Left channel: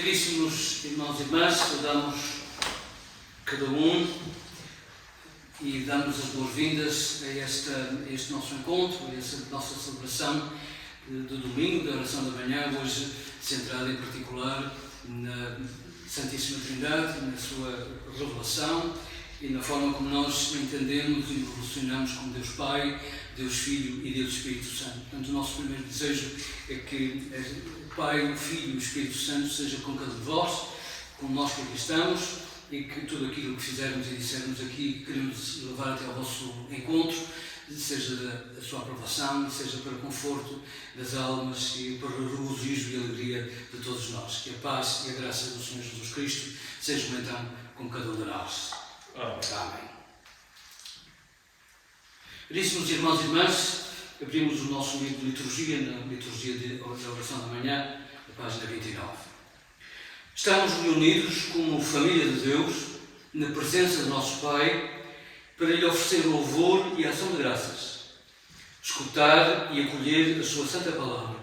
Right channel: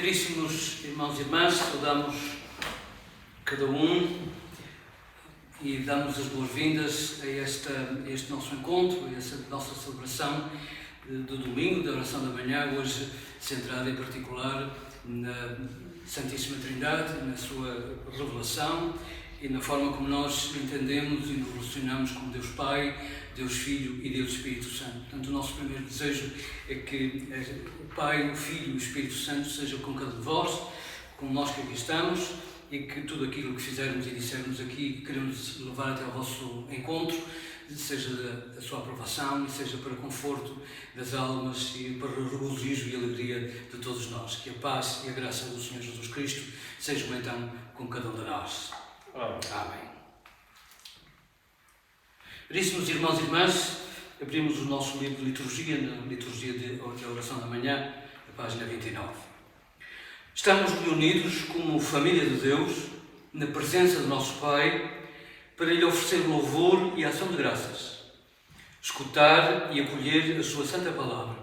Caríssimos irmãos e irmãs, saudamos cada um e damos as boas-vindas a este nosso encontro, a esta nossa celebração do domingo, da oração da manhã, hoje centrada em particular na Santíssima Trindade, na sua revelação e na forma como nós entendemos e nos relacionamos com Deus Pai, Deus Filho e Deus Espírito Santo. Portanto, o nosso primeiro desejo é que o Pai, o Filho e o Espírito Santo sejam com cada de vós, com nós que aqui estamos, e que tudo aquilo que fizermos e dissermos aqui, queremos levar até ao vosso encontro, seja da sua aprovação, seja para o conforto das almas e para o regozijo e alegria de todos nós. Que a paz e a graça do Senhor Jesus Cristo sejam então com cada um de nós. Amém. Caríssimos irmãos e irmãs, abrimos o nosso livro de liturgia, na liturgia da oração da manhã, na página 29. Estamos reunidos como família de Deus, na presença do nosso Pai, para lhe oferecer louvor e ação de graças, escutar e acolher a sua santa palavra,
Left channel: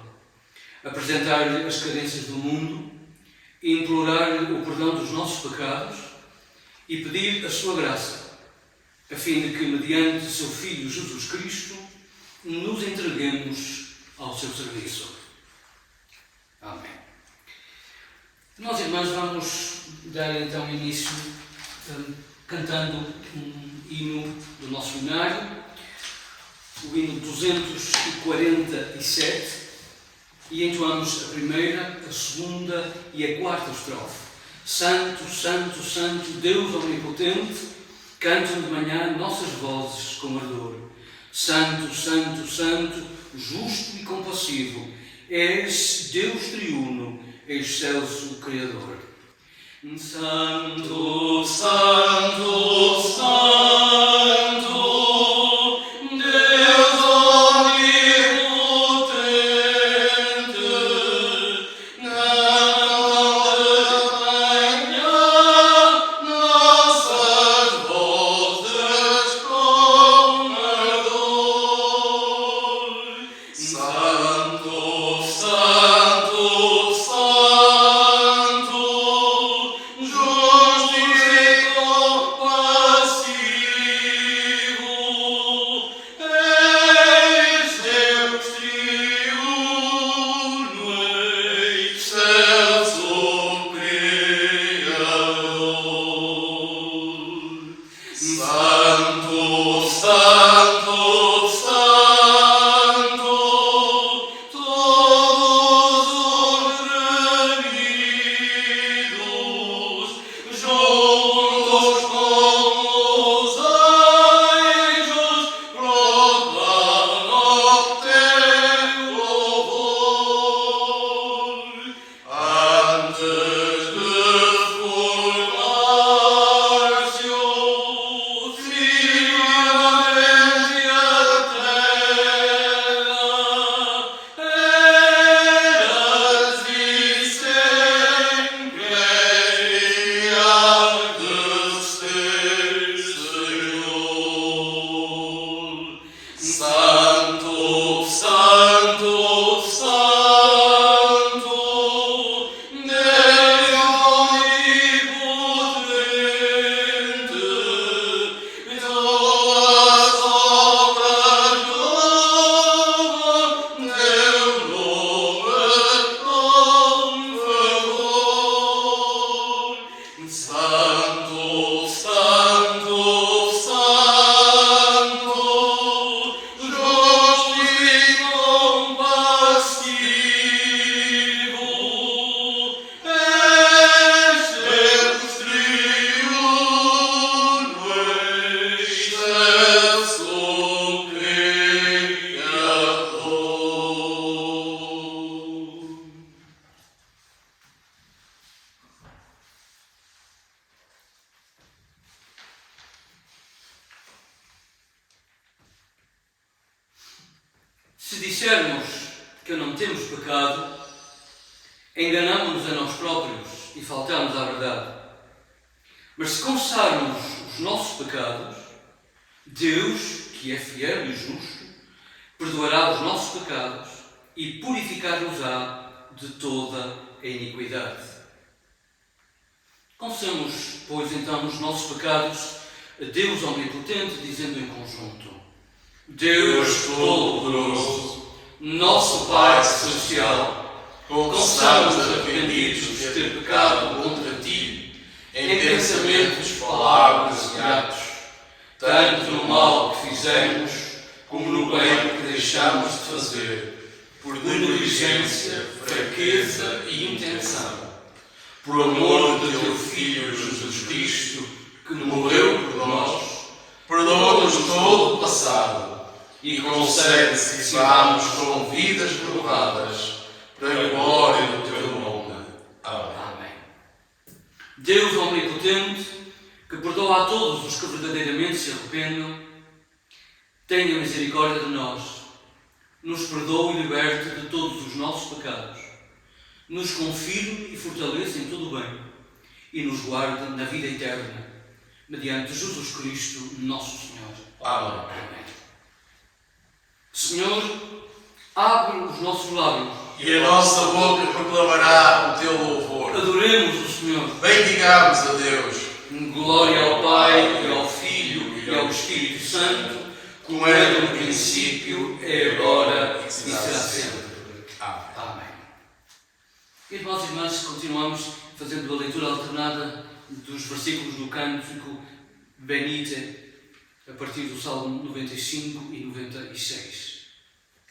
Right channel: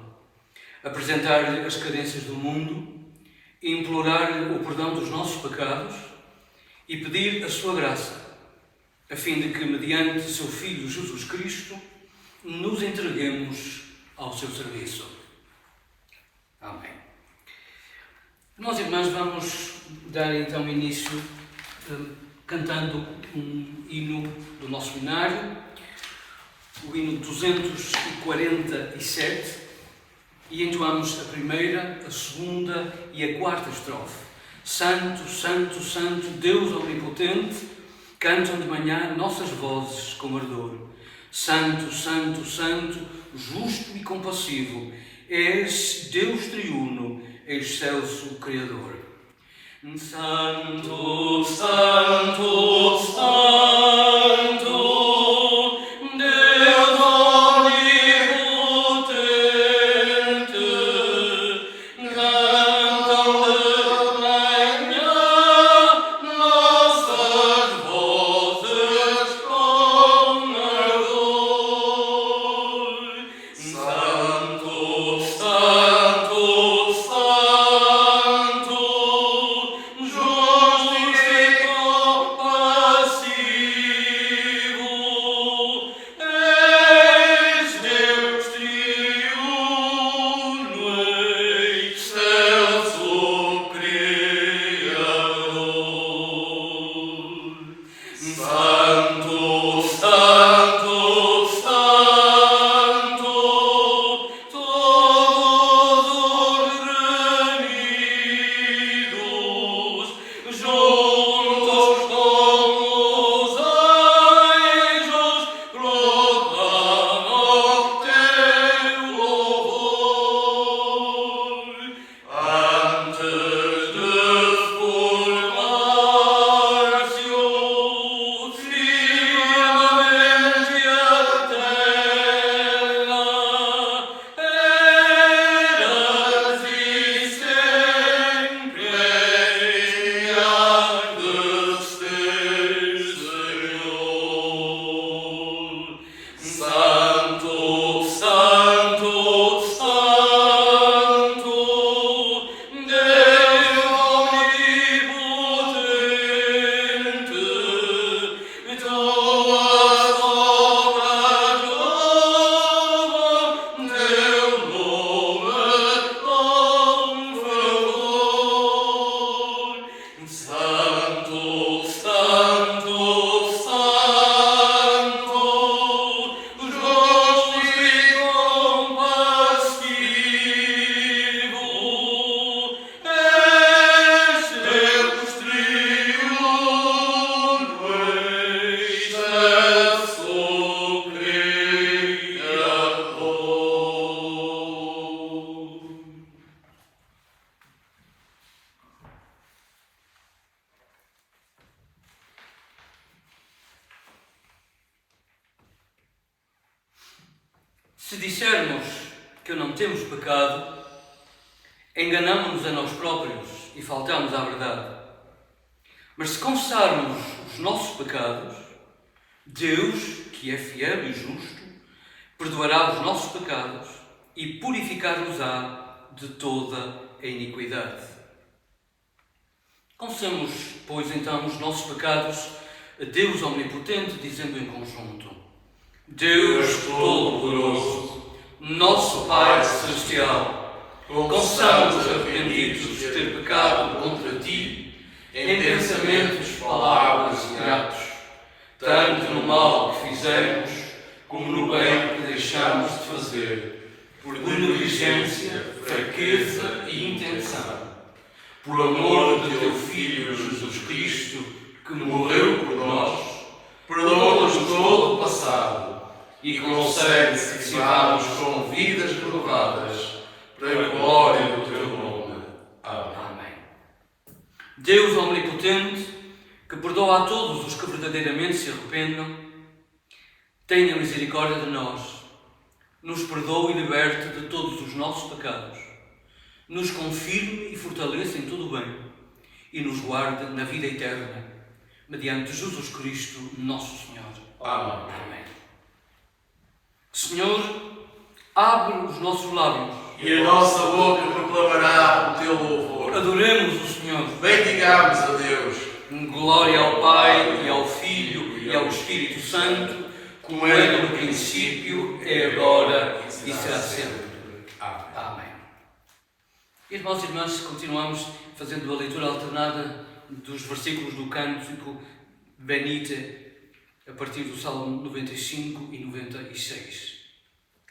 apresentar-lhe as carências do mundo, implorar-lhe o perdão dos nossos pecados e pedir a sua graça, a fim de que, mediante seu Filho Jesus Cristo, nos entreguemos ao seu serviço. Amém. Nós, irmãos, vamos dar então início cantando um hino do nosso hinário, o hino 247, e entoamos a primeira, a segunda e a quarta estrofe. Santo, Santo, Santo, Deus Omnipotente, cantam de manhã nossas vozes com ardor. Santo, Santo, Santo, justo e compassivo, és Deus triuno, excelso Criador. Santo, Santo, Santo, Deus Omnipotente, cantam de manhã nossas vozes com ardor. Santo, Santo, Santo, justo e compassivo, és Deus triuno, excelso Criador. Santo, Santo, Santo, todos os remidos, juntos com os anjos, proclamam teu louvor. Antes de formar-se o firmamente a terra, eras e sempre há de ser, Senhor. Santo, Santo, Santo, Deus Omnipotente, tuas obras louvam teu nome com fervor. Santo, Santo, Santo, justo e compassivo, és Deus triuno, excelso Criador. Se dissermos que não temos pecado, enganamo-nos a nós próprios e faltamos à verdade. Mas se confessarmos os nossos pecados, Deus, que é fiel e justo, perdoará os nossos pecados e purificar-nos-á de toda a iniquidade. Confessamos, pois, então, os nossos pecados a Deus Omnipotente, dizendo em conjunto: Deus Todo-Poderoso, nosso Pai Celestial, confessamos arrependidos de ter pecado contra Ti, em pensamentos, palavras e atos, tanto no mal que fizemos, como no bem que deixámos de fazer, por negligência, fraqueza e intenção. Por amor de Teu Filho Jesus Cristo, que morreu por nós, perdoa-nos todo o passado e concede que vivamos com vidas renovadas para a glória do Teu nome. Amém. Deus Omnipotente, que perdoa a todos os que verdadeiramente se arrependam, tenha misericórdia de nós, nos perdoe e liberte de todos os nossos pecados, nos confirme e fortaleça em todo o bem e nos guarde na vida eterna, mediante Jesus Cristo, nosso Senhor. Amém. Senhor, abre os nossos lábios e a nossa boca proclamará o Teu louvor. Adoremos o Senhor. Bendigamos a Deus. Glória ao Pai, e ao Filho, e ao Espírito Santo, como era no princípio, é agora e será sempre. Amém. Irmãos e irmãs, continuamos fazendo a leitura alternada dos versículos do cântico Benite, a partir do Salmo 95 e 96.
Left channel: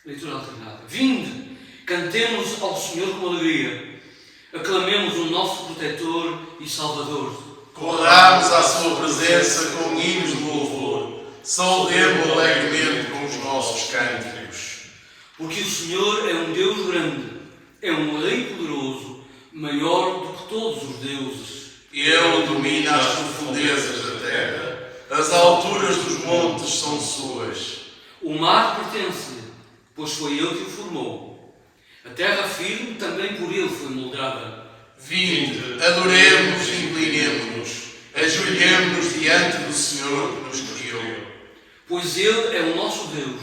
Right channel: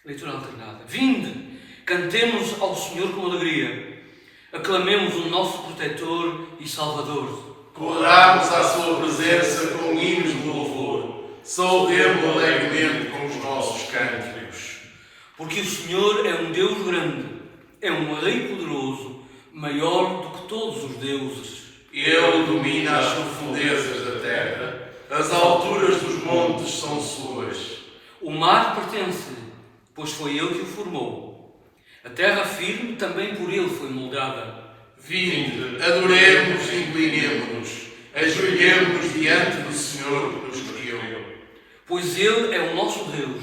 Leitura alternada. Vinde, cantemos ao Senhor com alegria, aclamemos o nosso protetor e Salvador. Corramos à Sua presença com hinos de louvor, saudemo alegremente com os nossos cânticos. Porque o Senhor é um Deus grande, é um Rei poderoso, maior do que todos os deuses. Ele domina as profundezas da terra, as alturas dos montes são suas. O mar pertence-lhe, pois foi ele que o formou. A terra firme também por ele foi moldada. Vinde, adoremos e inclinemo-nos, ajoelhemo-nos diante do Senhor que nos criou. Pois ele é o nosso Deus,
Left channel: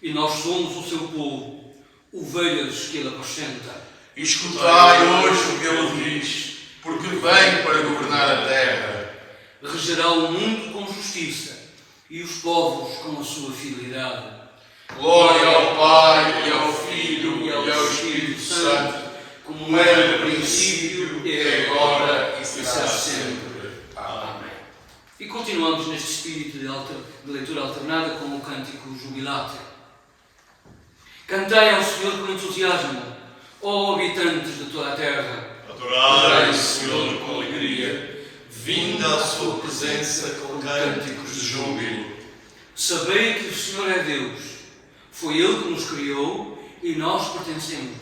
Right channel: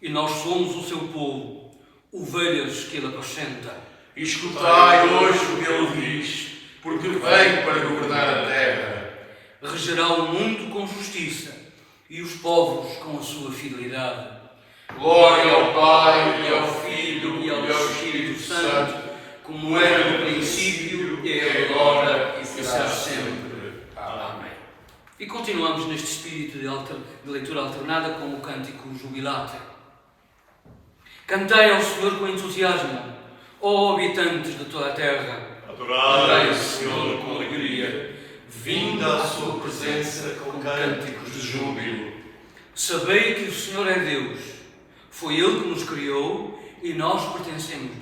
e nós somos o seu povo, ovelhas que ele apacenta. Escutai hoje o que ele diz, porque vem para governar a terra. Regerá o mundo com justiça, e os povos com a sua fidelidade. Glória ao Pai, e ao Filho, e ao Espírito Santo, como era no princípio, é agora e será sempre. Amém. E continuamos neste espírito de leitura alternada com o cântico Jubilate. Cantai ao Senhor com entusiasmo, ó habitantes de toda a terra. Adorai o Senhor com alegria, vinde à sua presença com cânticos de júbilo. Sabei que o Senhor é Deus, foi Ele que nos criou e nós pertencemos.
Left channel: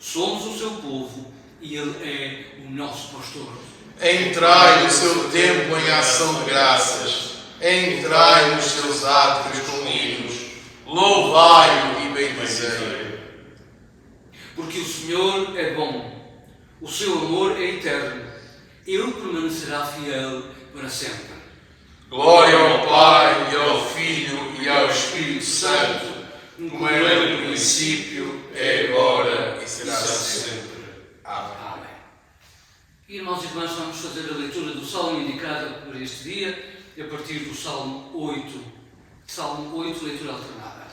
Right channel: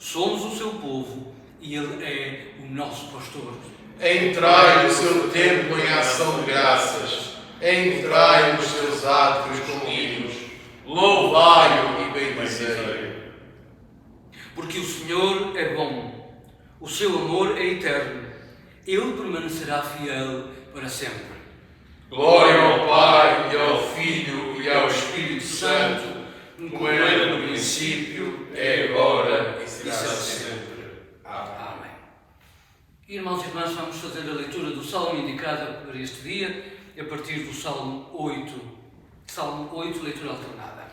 Somos o seu povo e Ele é o nosso pastor. Entrai no seu templo em ação de graças, entrai nos seus átrios com hinos, louvai-o e bendizei-o. Porque o Senhor é bom, o seu amor é eterno, Ele permanecerá fiel para sempre. Glória ao Pai, e ao Filho, e ao Espírito Santo, como era no princípio, é agora e será sempre. Amém. E, irmãos e irmãs, vamos fazer a leitura do Salmo indicado para este dia, a partir do Salmo 8. Salmo 8, leitura alternada.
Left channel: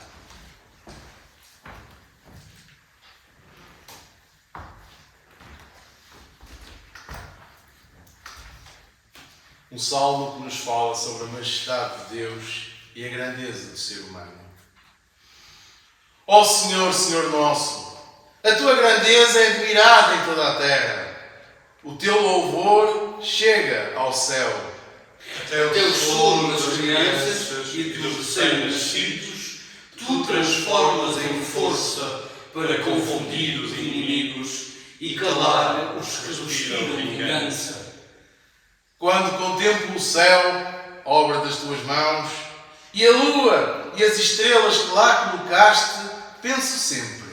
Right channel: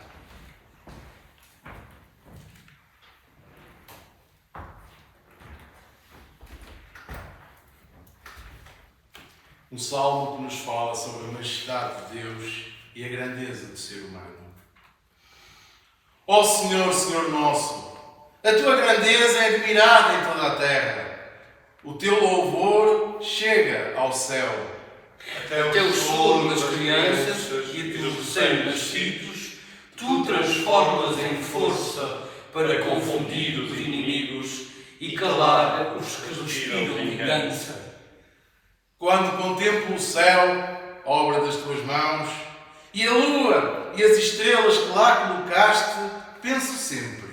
Um salmo que nos fala sobre a majestade de Deus e a grandeza do ser humano. Ó Senhor, Senhor nosso, a tua grandeza é admirada em toda a terra. O teu louvor chega ao céu. Até o sono das crianças e dos recém-nascidos, tu transformas em força para confundir os inimigos e calar os que respiram vingança. Quando contemplo o céu, obra das tuas mãos, e a lua e as estrelas que lá colocaste, penso sempre:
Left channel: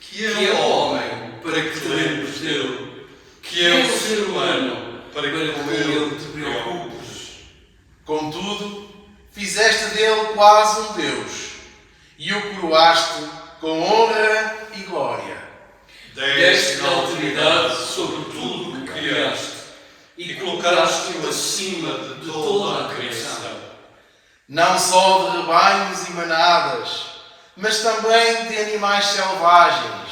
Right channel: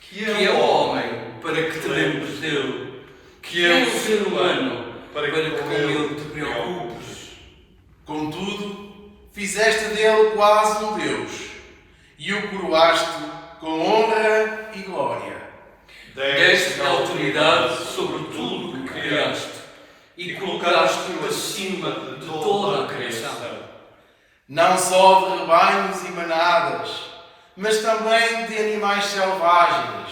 que é o homem para que te lembres dele, que é o ser humano para que com ele te preocupes. Contudo, fizeste dele quase um Deus, e o coroaste com honra e glória. Deste-lhe autoridade sobre tudo o que criaste, e colocaste-o acima de toda a criação. Não só de rebanhos e manadas, mas também de animais selvagens,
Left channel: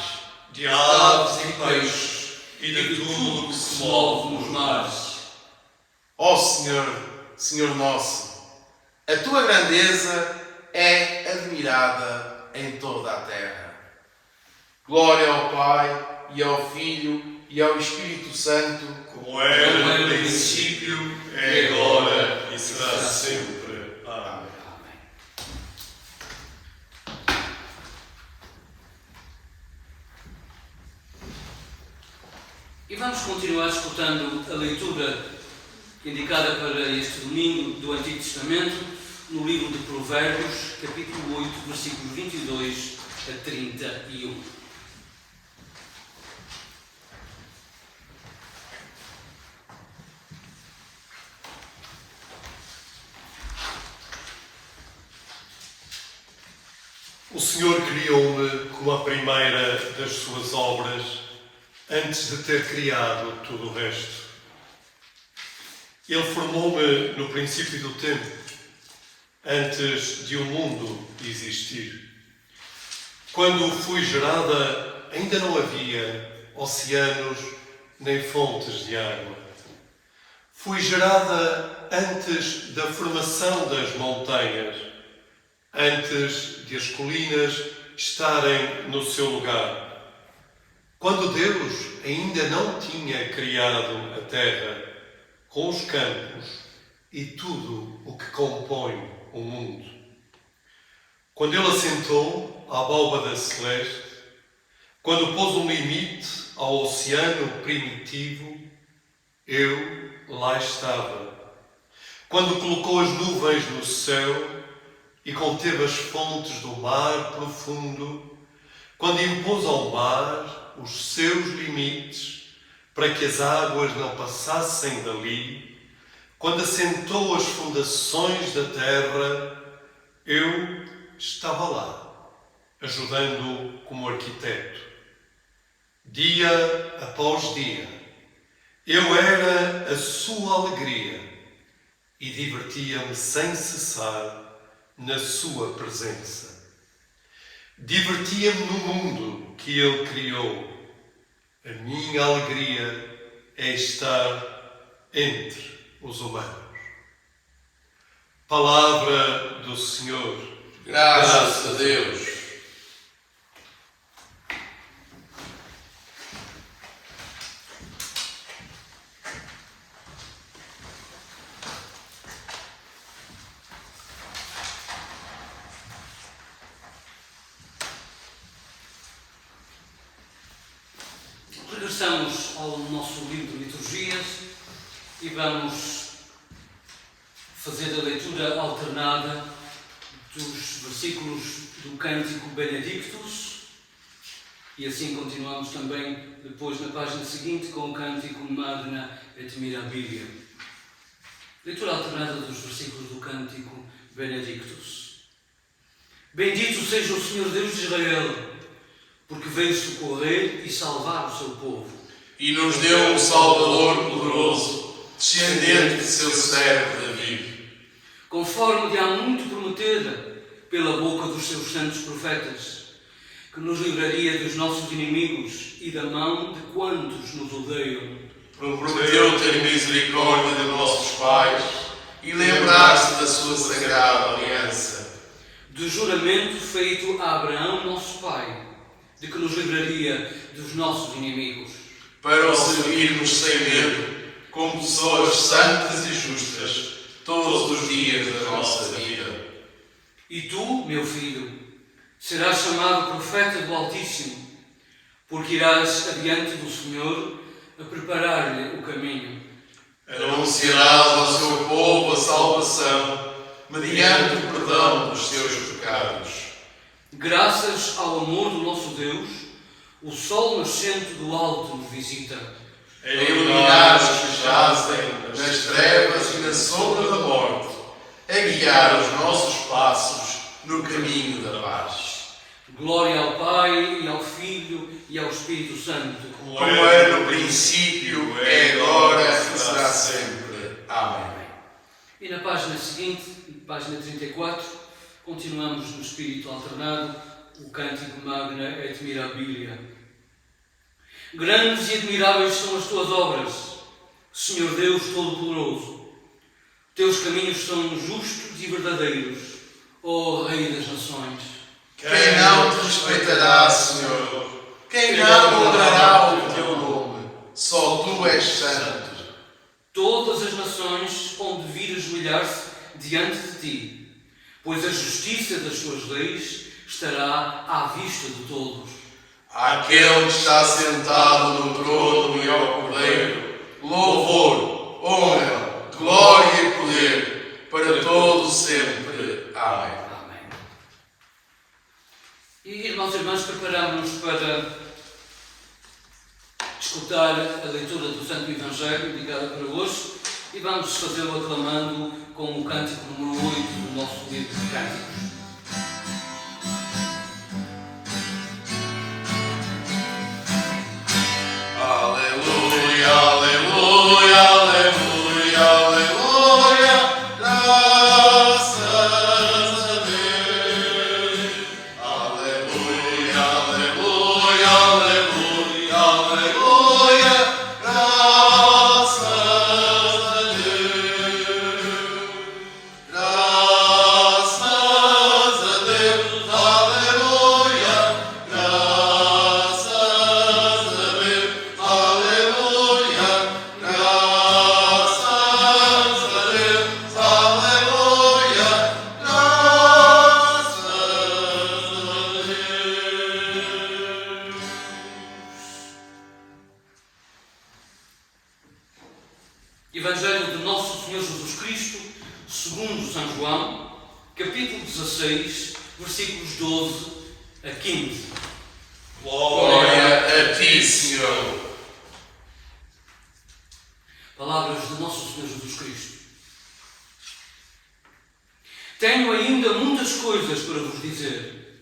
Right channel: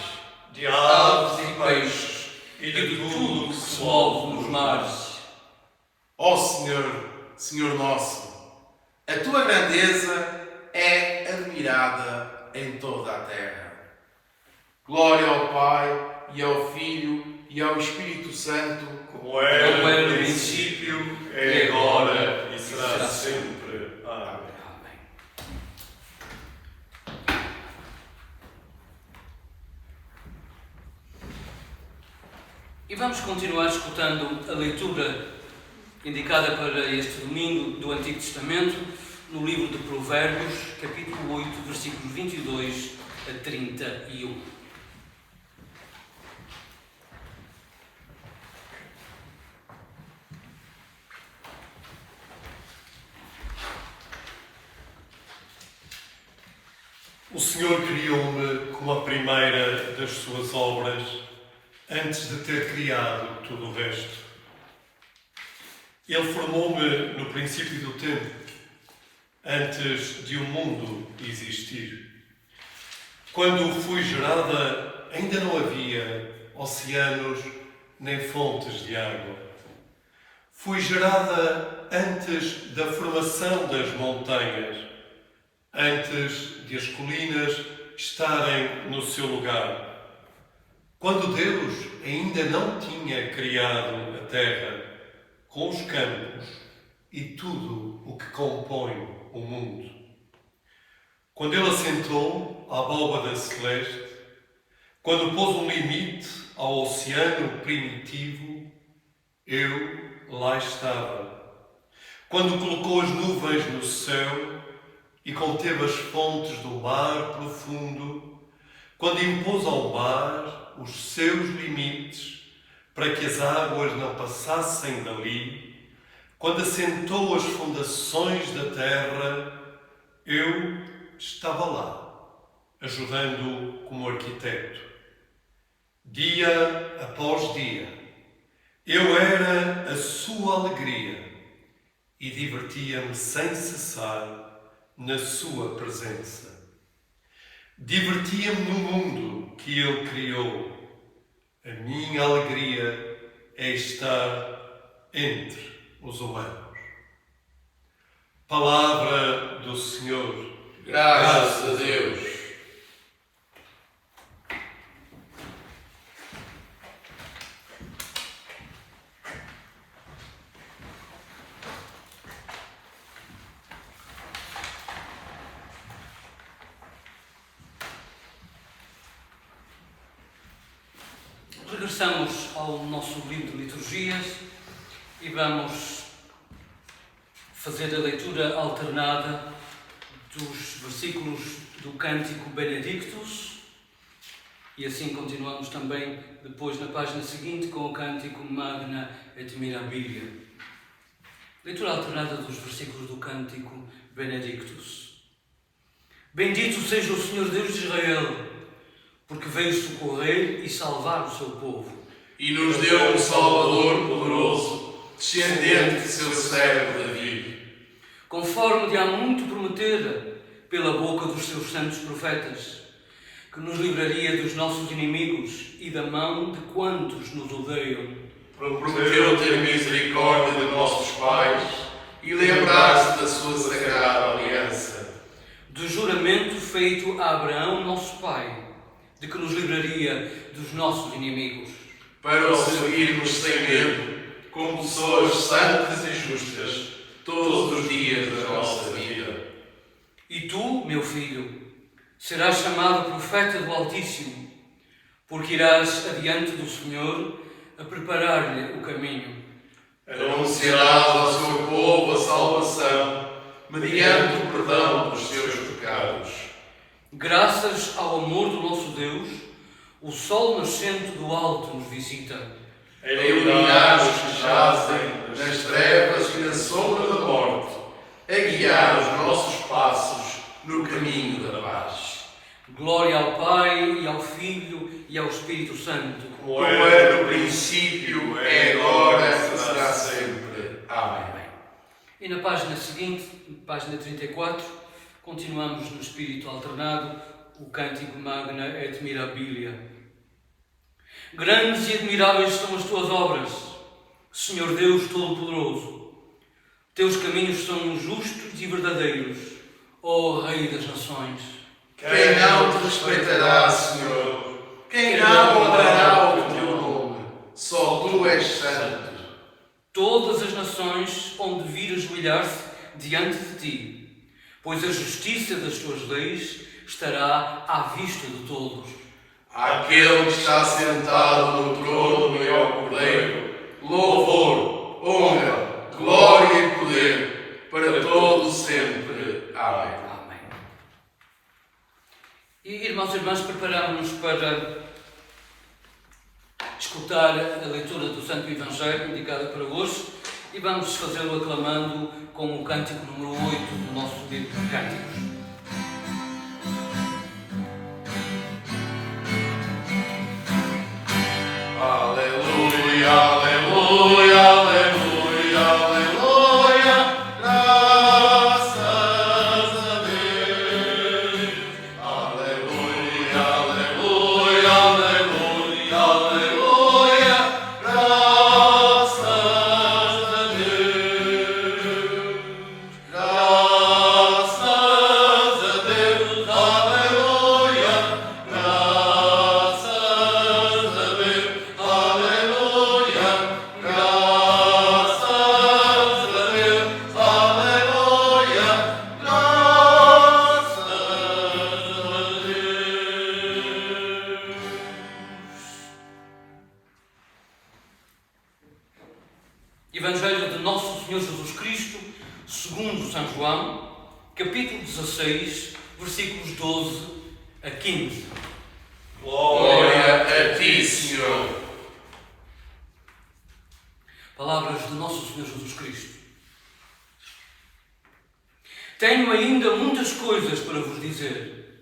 de aves e peixes, e de tudo o que se move nos mares. Ó Senhor, Senhor nosso, a tua grandeza é admirada em toda a terra. Glória ao Pai, e ao Filho, e ao Espírito Santo, Como era no princípio, é agora e será sempre. Amém. Amém. E vamos continuar escutando a leitura indicada para este domingo do Antigo Testamento, no livro de Provérbios, capítulo 8, versículos 22 a 31. O Senhor criou-me como a primeira das suas obras, antes de ter criado tudo o resto. Ele formou-me no princípio do tempo, antes de o mundo existir. Quando fui gerada, ainda não havia oceanos nem fontes de água. Fui gerada antes da formação das montanhas, antes de as colinas estarem no seu lugar. Quando Deus ainda não tinha criado a terra, com os campos e tudo o que compõe o mundo. Quando Ele assentou a abóbada celeste, quando pôs um limite ao oceano primitivo, eu lá estava. Quando colocou as nuvens no céu e conteve as fontes do mar profundo, quando impôs ao mar os seus limites para que as águas não passassem dali, quando assentou as fundações da terra, eu estava lá, ajudando como arquiteto. Dia após dia, eu era a sua alegria e divertia-me sem cessar na sua presença. Divertia-me no mundo que Ele criou. A minha alegria é estar entre os humanos. Palavra do Senhor. graças a Deus. Regressamos ao nosso livro de liturgias e vamos fazer a leitura alternada dos versículos do cântico Benedictus e assim continuamos também depois na página seguinte com o cântico Magna et Mirabilia. Leitura alternada dos versículos do cântico Benedictus. Bendito seja o Senhor Deus de Israel, porque veio socorrer e salvar o seu povo. E nos deu um Salvador poderoso, descendente de seu servo Davi. Conforme lhe há muito prometera pela boca dos seus santos profetas, que nos livraria dos nossos inimigos e da mão de quantos nos odeiam. Prometeu ter misericórdia de nossos pais e lembrar-se da sua sagrada aliança. Do juramento feito a Abraão, nosso pai, de que nos livraria dos nossos inimigos. Para o servirmos sem medo, como pessoas santas e justas, todos os dias da nossa vida. E tu, meu filho, serás chamado profeta do Altíssimo, porque irás adiante do Senhor a preparar-lhe o caminho. Anunciarás ao seu povo a salvação, mediante o perdão dos seus pecados. Graças ao amor do nosso Deus, o sol nascente do alto nos visita, A iluminar os que jazem nas trevas e na sombra da morte, a guiar os nossos passos no caminho da paz. Glória ao Pai, e ao Filho, e ao Espírito Santo. Como era no princípio, é agora e será sempre. Amém. E na página seguinte, página 34, continuamos no espírito alternado, o cântico Magna et Mirabilia. Grandes e admiráveis são as tuas obras, Senhor Deus Todo-Poderoso. Teus caminhos são justos e verdadeiros, ó Rei das Nações. Quem não te respeitará, Senhor? Quem não honrará o teu nome? Só tu és santo. Todas as nações hão de vir ajoelhar-se diante de ti, pois a justiça das tuas leis estará à vista de todos. Aquele que está sentado no trono e ao Cordeiro, louvor, honra, glória e poder, para todo sempre. Amém. Amém. E, irmãos e irmãs, preparamos-nos para escutar a leitura do Santo Evangelho indicada para hoje e vamos fazê-lo aclamando com o cântico número 8 do nosso livro de cânticos. Aleluia, aleluia, aleluia, aleluia, graças a Deus. Aleluia, aleluia, aleluia, aleluia, graças a Deus. Graças a Deus, aleluia, graças a Deus. Aleluia, graças a Deus, aleluia, graças a Deus. Evangelho de Nosso Senhor Jesus Cristo, segundo São João, capítulo 16, versículos 12 a 15. Glória a ti, Senhor. Palavras de Nosso Senhor Jesus Cristo. Tenho ainda muitas coisas para vos dizer,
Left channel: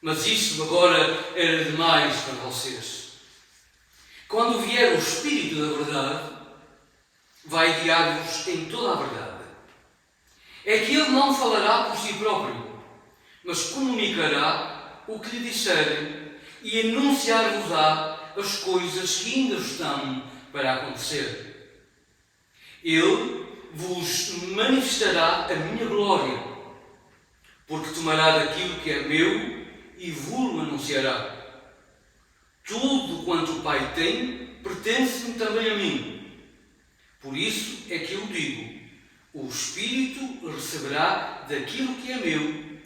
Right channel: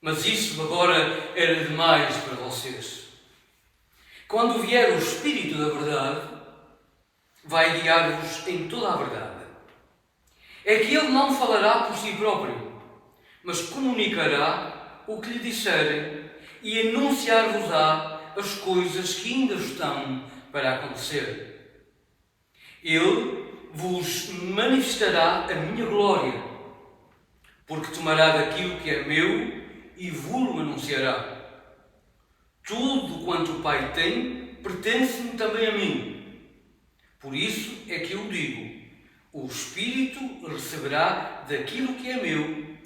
mas isso agora era demais para vocês. Quando vier o Espírito da verdade, vai guiar-vos em toda a verdade. É que ele não falará por si próprio, mas comunicará o que lhe disserem e anunciar-vos-á as coisas que ainda estão para acontecer. Ele vos manifestará a minha glória, porque tomará daquilo que é meu e vos-lo anunciará. Tudo quanto o Pai tem pertence-me também a mim. Por isso é que eu digo: o Espírito receberá daquilo que é meu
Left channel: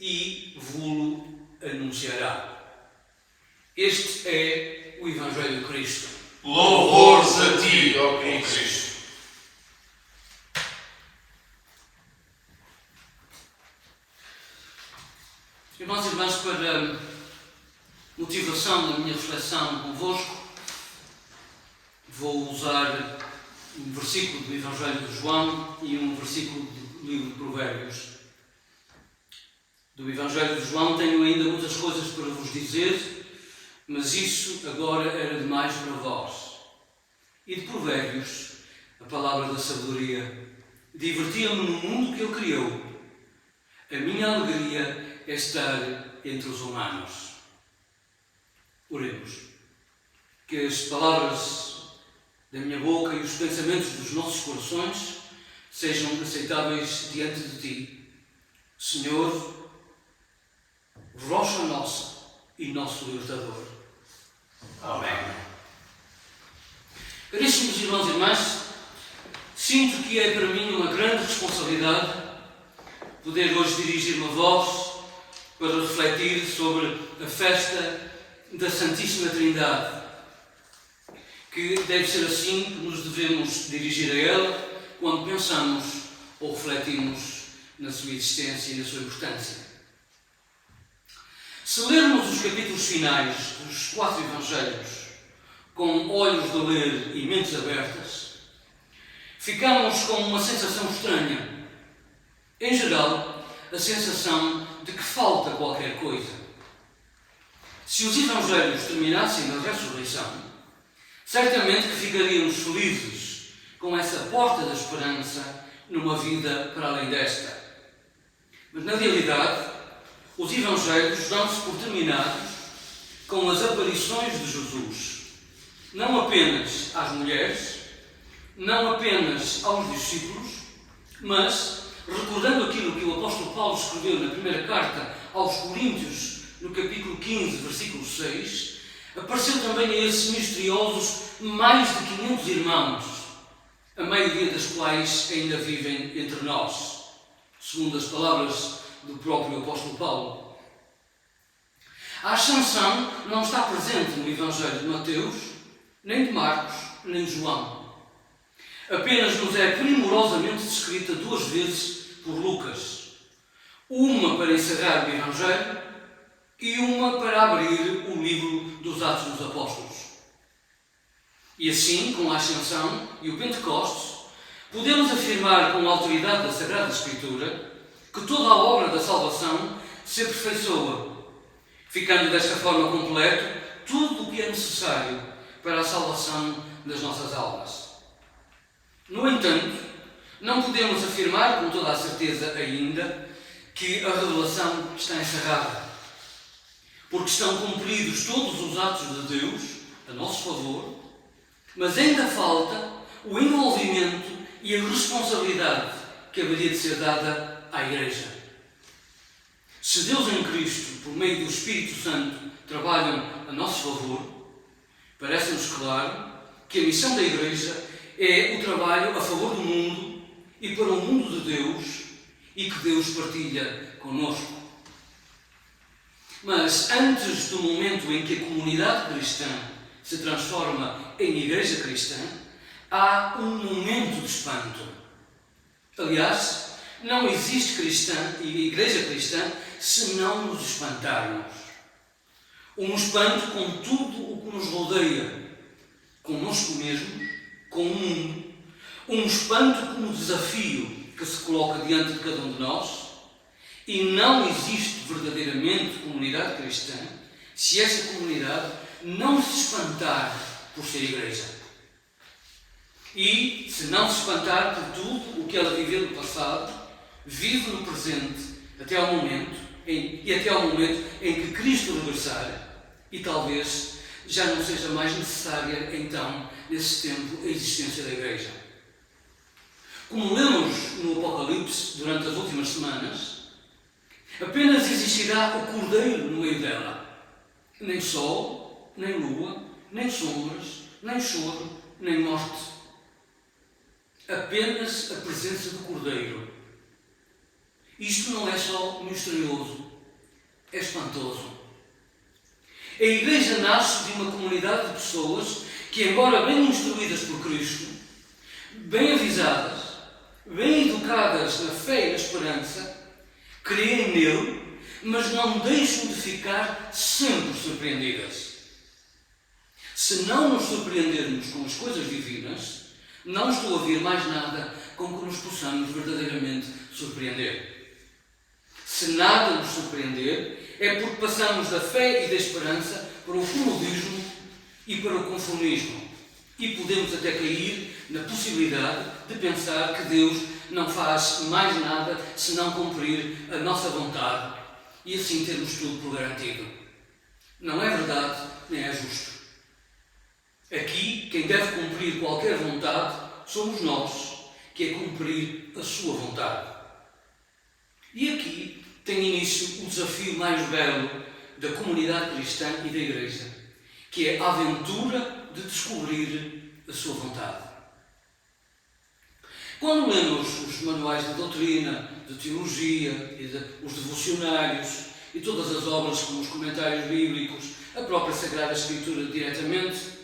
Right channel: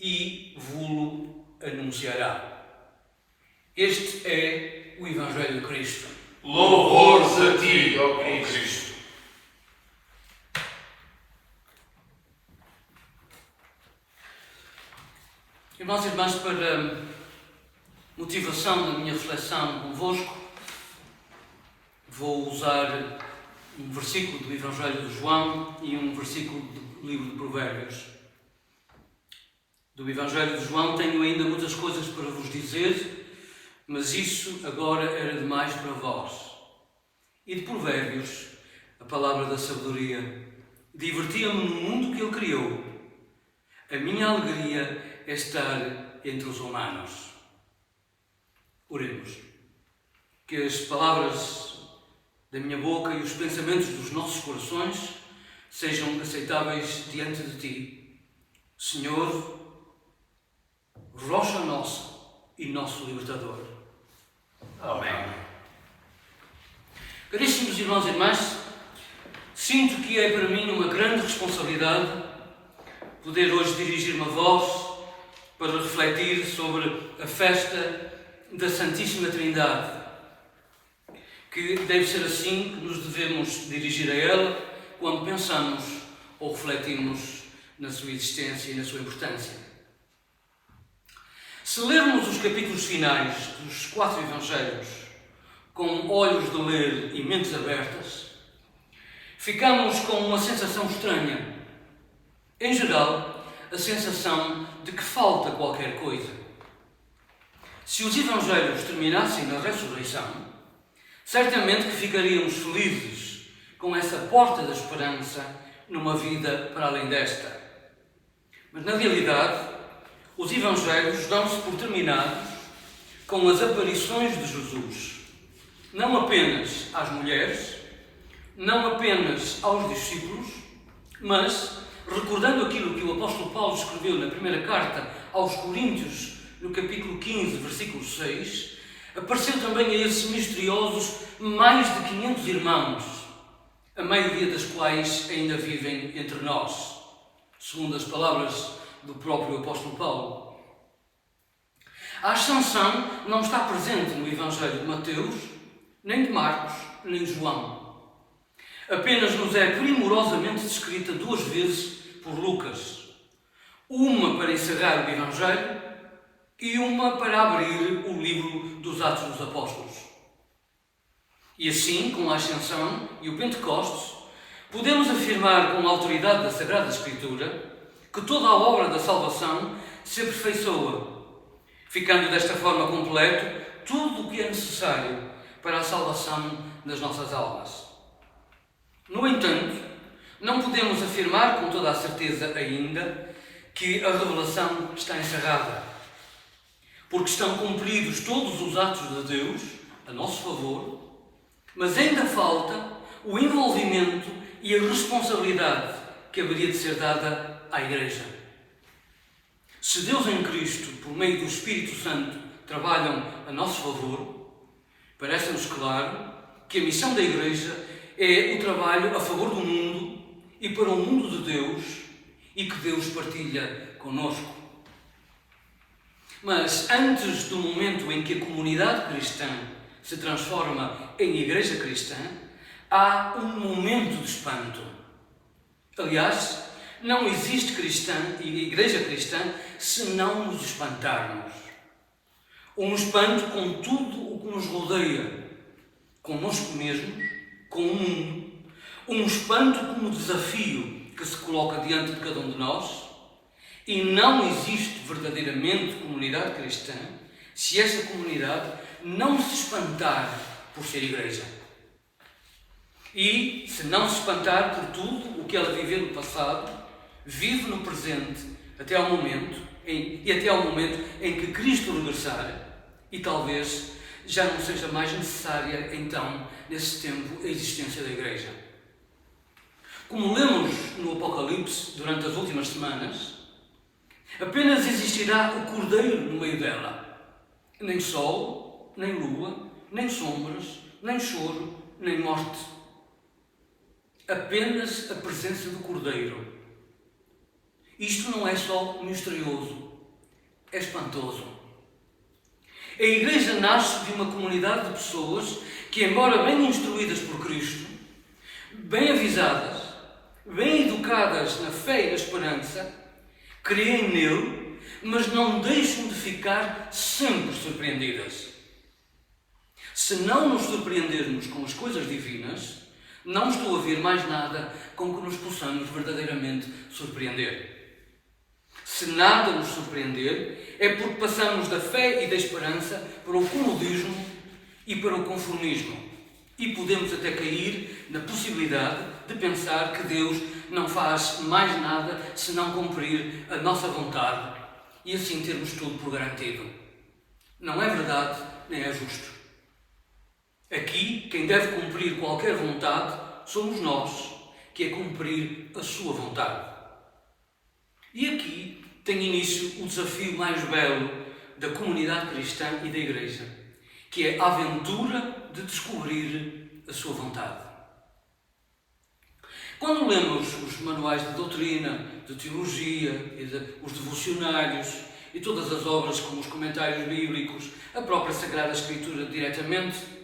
e vos-lo anunciará. Este é o Evangelho de Cristo. Louvores a ti, ó Cristo. Irmãos e irmãs, para motivação da minha reflexão convosco, vou usar um versículo do Evangelho de João e um versículo do livro de Provérbios. Do Evangelho de João tenho ainda muitas coisas para vos dizer, mas isso agora era demais para vós. E de Provérbios, a palavra da sabedoria: divertia-me no mundo que ele criou. A minha alegria é estar entre os humanos. Oremos. Que as palavras da minha boca e os pensamentos dos nossos corações sejam aceitáveis diante de ti, Senhor, rocha nossa e nosso libertador. Amém. Caríssimos irmãos e irmãs, sinto que é para mim uma grande responsabilidade poder hoje dirigir-me a vós para refletir sobre a festa da Santíssima Trindade, que deve ser assim que nos devemos dirigir a ela quando pensamos ou refletimos na sua existência e na sua importância. Se lermos os capítulos finais dos 4 Evangelhos com olhos de ler e mentes abertas, ficamos com uma sensação estranha. Em geral, a sensação de que falta qualquer coisa. Se os Evangelhos terminassem na ressurreição, certamente que ficaríamos felizes com essa porta da esperança numa vida para além desta. Mas, na realidade, os Evangelhos dão-se por terminados com as aparições de Jesus, não apenas às mulheres, não apenas aos discípulos, mas, recordando aquilo que o apóstolo Paulo escreveu na primeira carta aos Coríntios, no capítulo 15, versículo 6, apareceu também a esses misteriosos mais de 500 irmãos, a maioria das quais ainda vivem entre nós, segundo as palavras do próprio apóstolo Paulo. A Ascensão não está presente no Evangelho de Mateus, nem de Marcos, nem de João. Apenas nos é primorosamente descrita 2 vezes por Lucas. Uma para encerrar o Evangelho e uma para abrir o livro dos Atos dos Apóstolos. E assim, com a Ascensão e o Pentecostes, podemos afirmar com a autoridade da Sagrada Escritura que toda a obra da salvação se aperfeiçoa, ficando desta forma completo tudo o que é necessário para a salvação das nossas almas. No entanto, não podemos afirmar com toda a certeza ainda que a revelação está encerrada, porque estão cumpridos todos os atos de Deus a nosso favor, mas ainda falta o envolvimento e a responsabilidade que haveria de ser dada à Igreja. Se Deus em Cristo, por meio do Espírito Santo, trabalham a nosso favor, parece-nos claro que a missão da Igreja é o trabalho a favor do mundo e para o mundo de Deus e que Deus partilha conosco. Mas antes do momento em que a comunidade cristã se transforma em Igreja Cristã, há um momento de espanto. Aliás, não existe cristã e Igreja Cristã se não nos espantarmos. Um espanto com tudo o que nos rodeia, conosco mesmos, com o mundo. Um espanto como desafio que se coloca diante de cada um de nós. E não existe verdadeiramente comunidade cristã se essa comunidade não se espantar por ser Igreja. E se não se espantar por tudo o que ela viveu no passado, vive no presente até ao momento em que Cristo regressar e talvez já não seja mais necessária então, nesse tempo, a existência da Igreja. Como lemos no Apocalipse durante as últimas semanas, apenas existirá o Cordeiro no meio dela. Nem sol, nem lua, nem sombras, nem choro, nem morte. Apenas a presença do Cordeiro. Isto não é só misterioso, é espantoso. A Igreja nasce de uma comunidade de pessoas que, embora bem instruídas por Cristo, bem avisadas, bem educadas na fé e na esperança, creem nele, mas não deixam de ficar sempre surpreendidas. Se não nos surpreendermos com as coisas divinas, não estou a ver mais nada com que nos possamos verdadeiramente surpreender. Se nada nos surpreender, é porque passamos da fé e da esperança para o comodismo e para o conformismo. E podemos até cair na possibilidade de pensar que Deus não faz mais nada se não cumprir a nossa vontade e assim termos tudo por garantido. Não é verdade, nem é justo. Aqui, quem deve cumprir qualquer vontade somos nós, que é cumprir a sua vontade. E aqui tem início o desafio mais belo da comunidade cristã e da Igreja, que é a aventura de descobrir a sua vontade. Quando lemos os manuais de doutrina, de teologia, os devocionários e todas as obras como os comentários bíblicos, a própria Sagrada Escritura diretamente,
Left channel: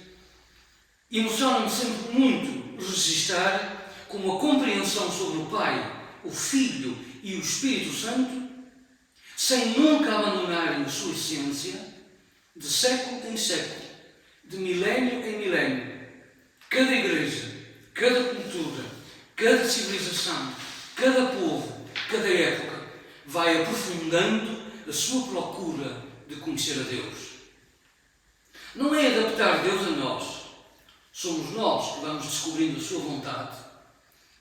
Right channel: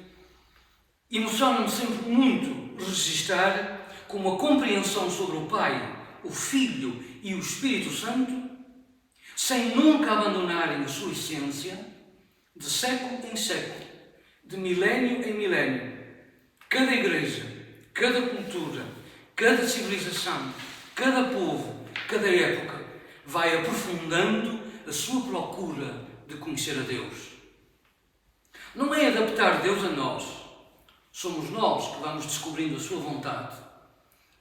emociona-me sempre muito registar como a compreensão sobre o Pai, o Filho e o Espírito Santo, sem nunca abandonarem a sua essência, de século em século, de milénio em milénio, cada igreja, cada cultura, cada civilização, cada povo, cada época, vai aprofundando a sua procura de conhecer a Deus. Não é adaptar Deus a nós. Somos nós que vamos descobrindo a sua vontade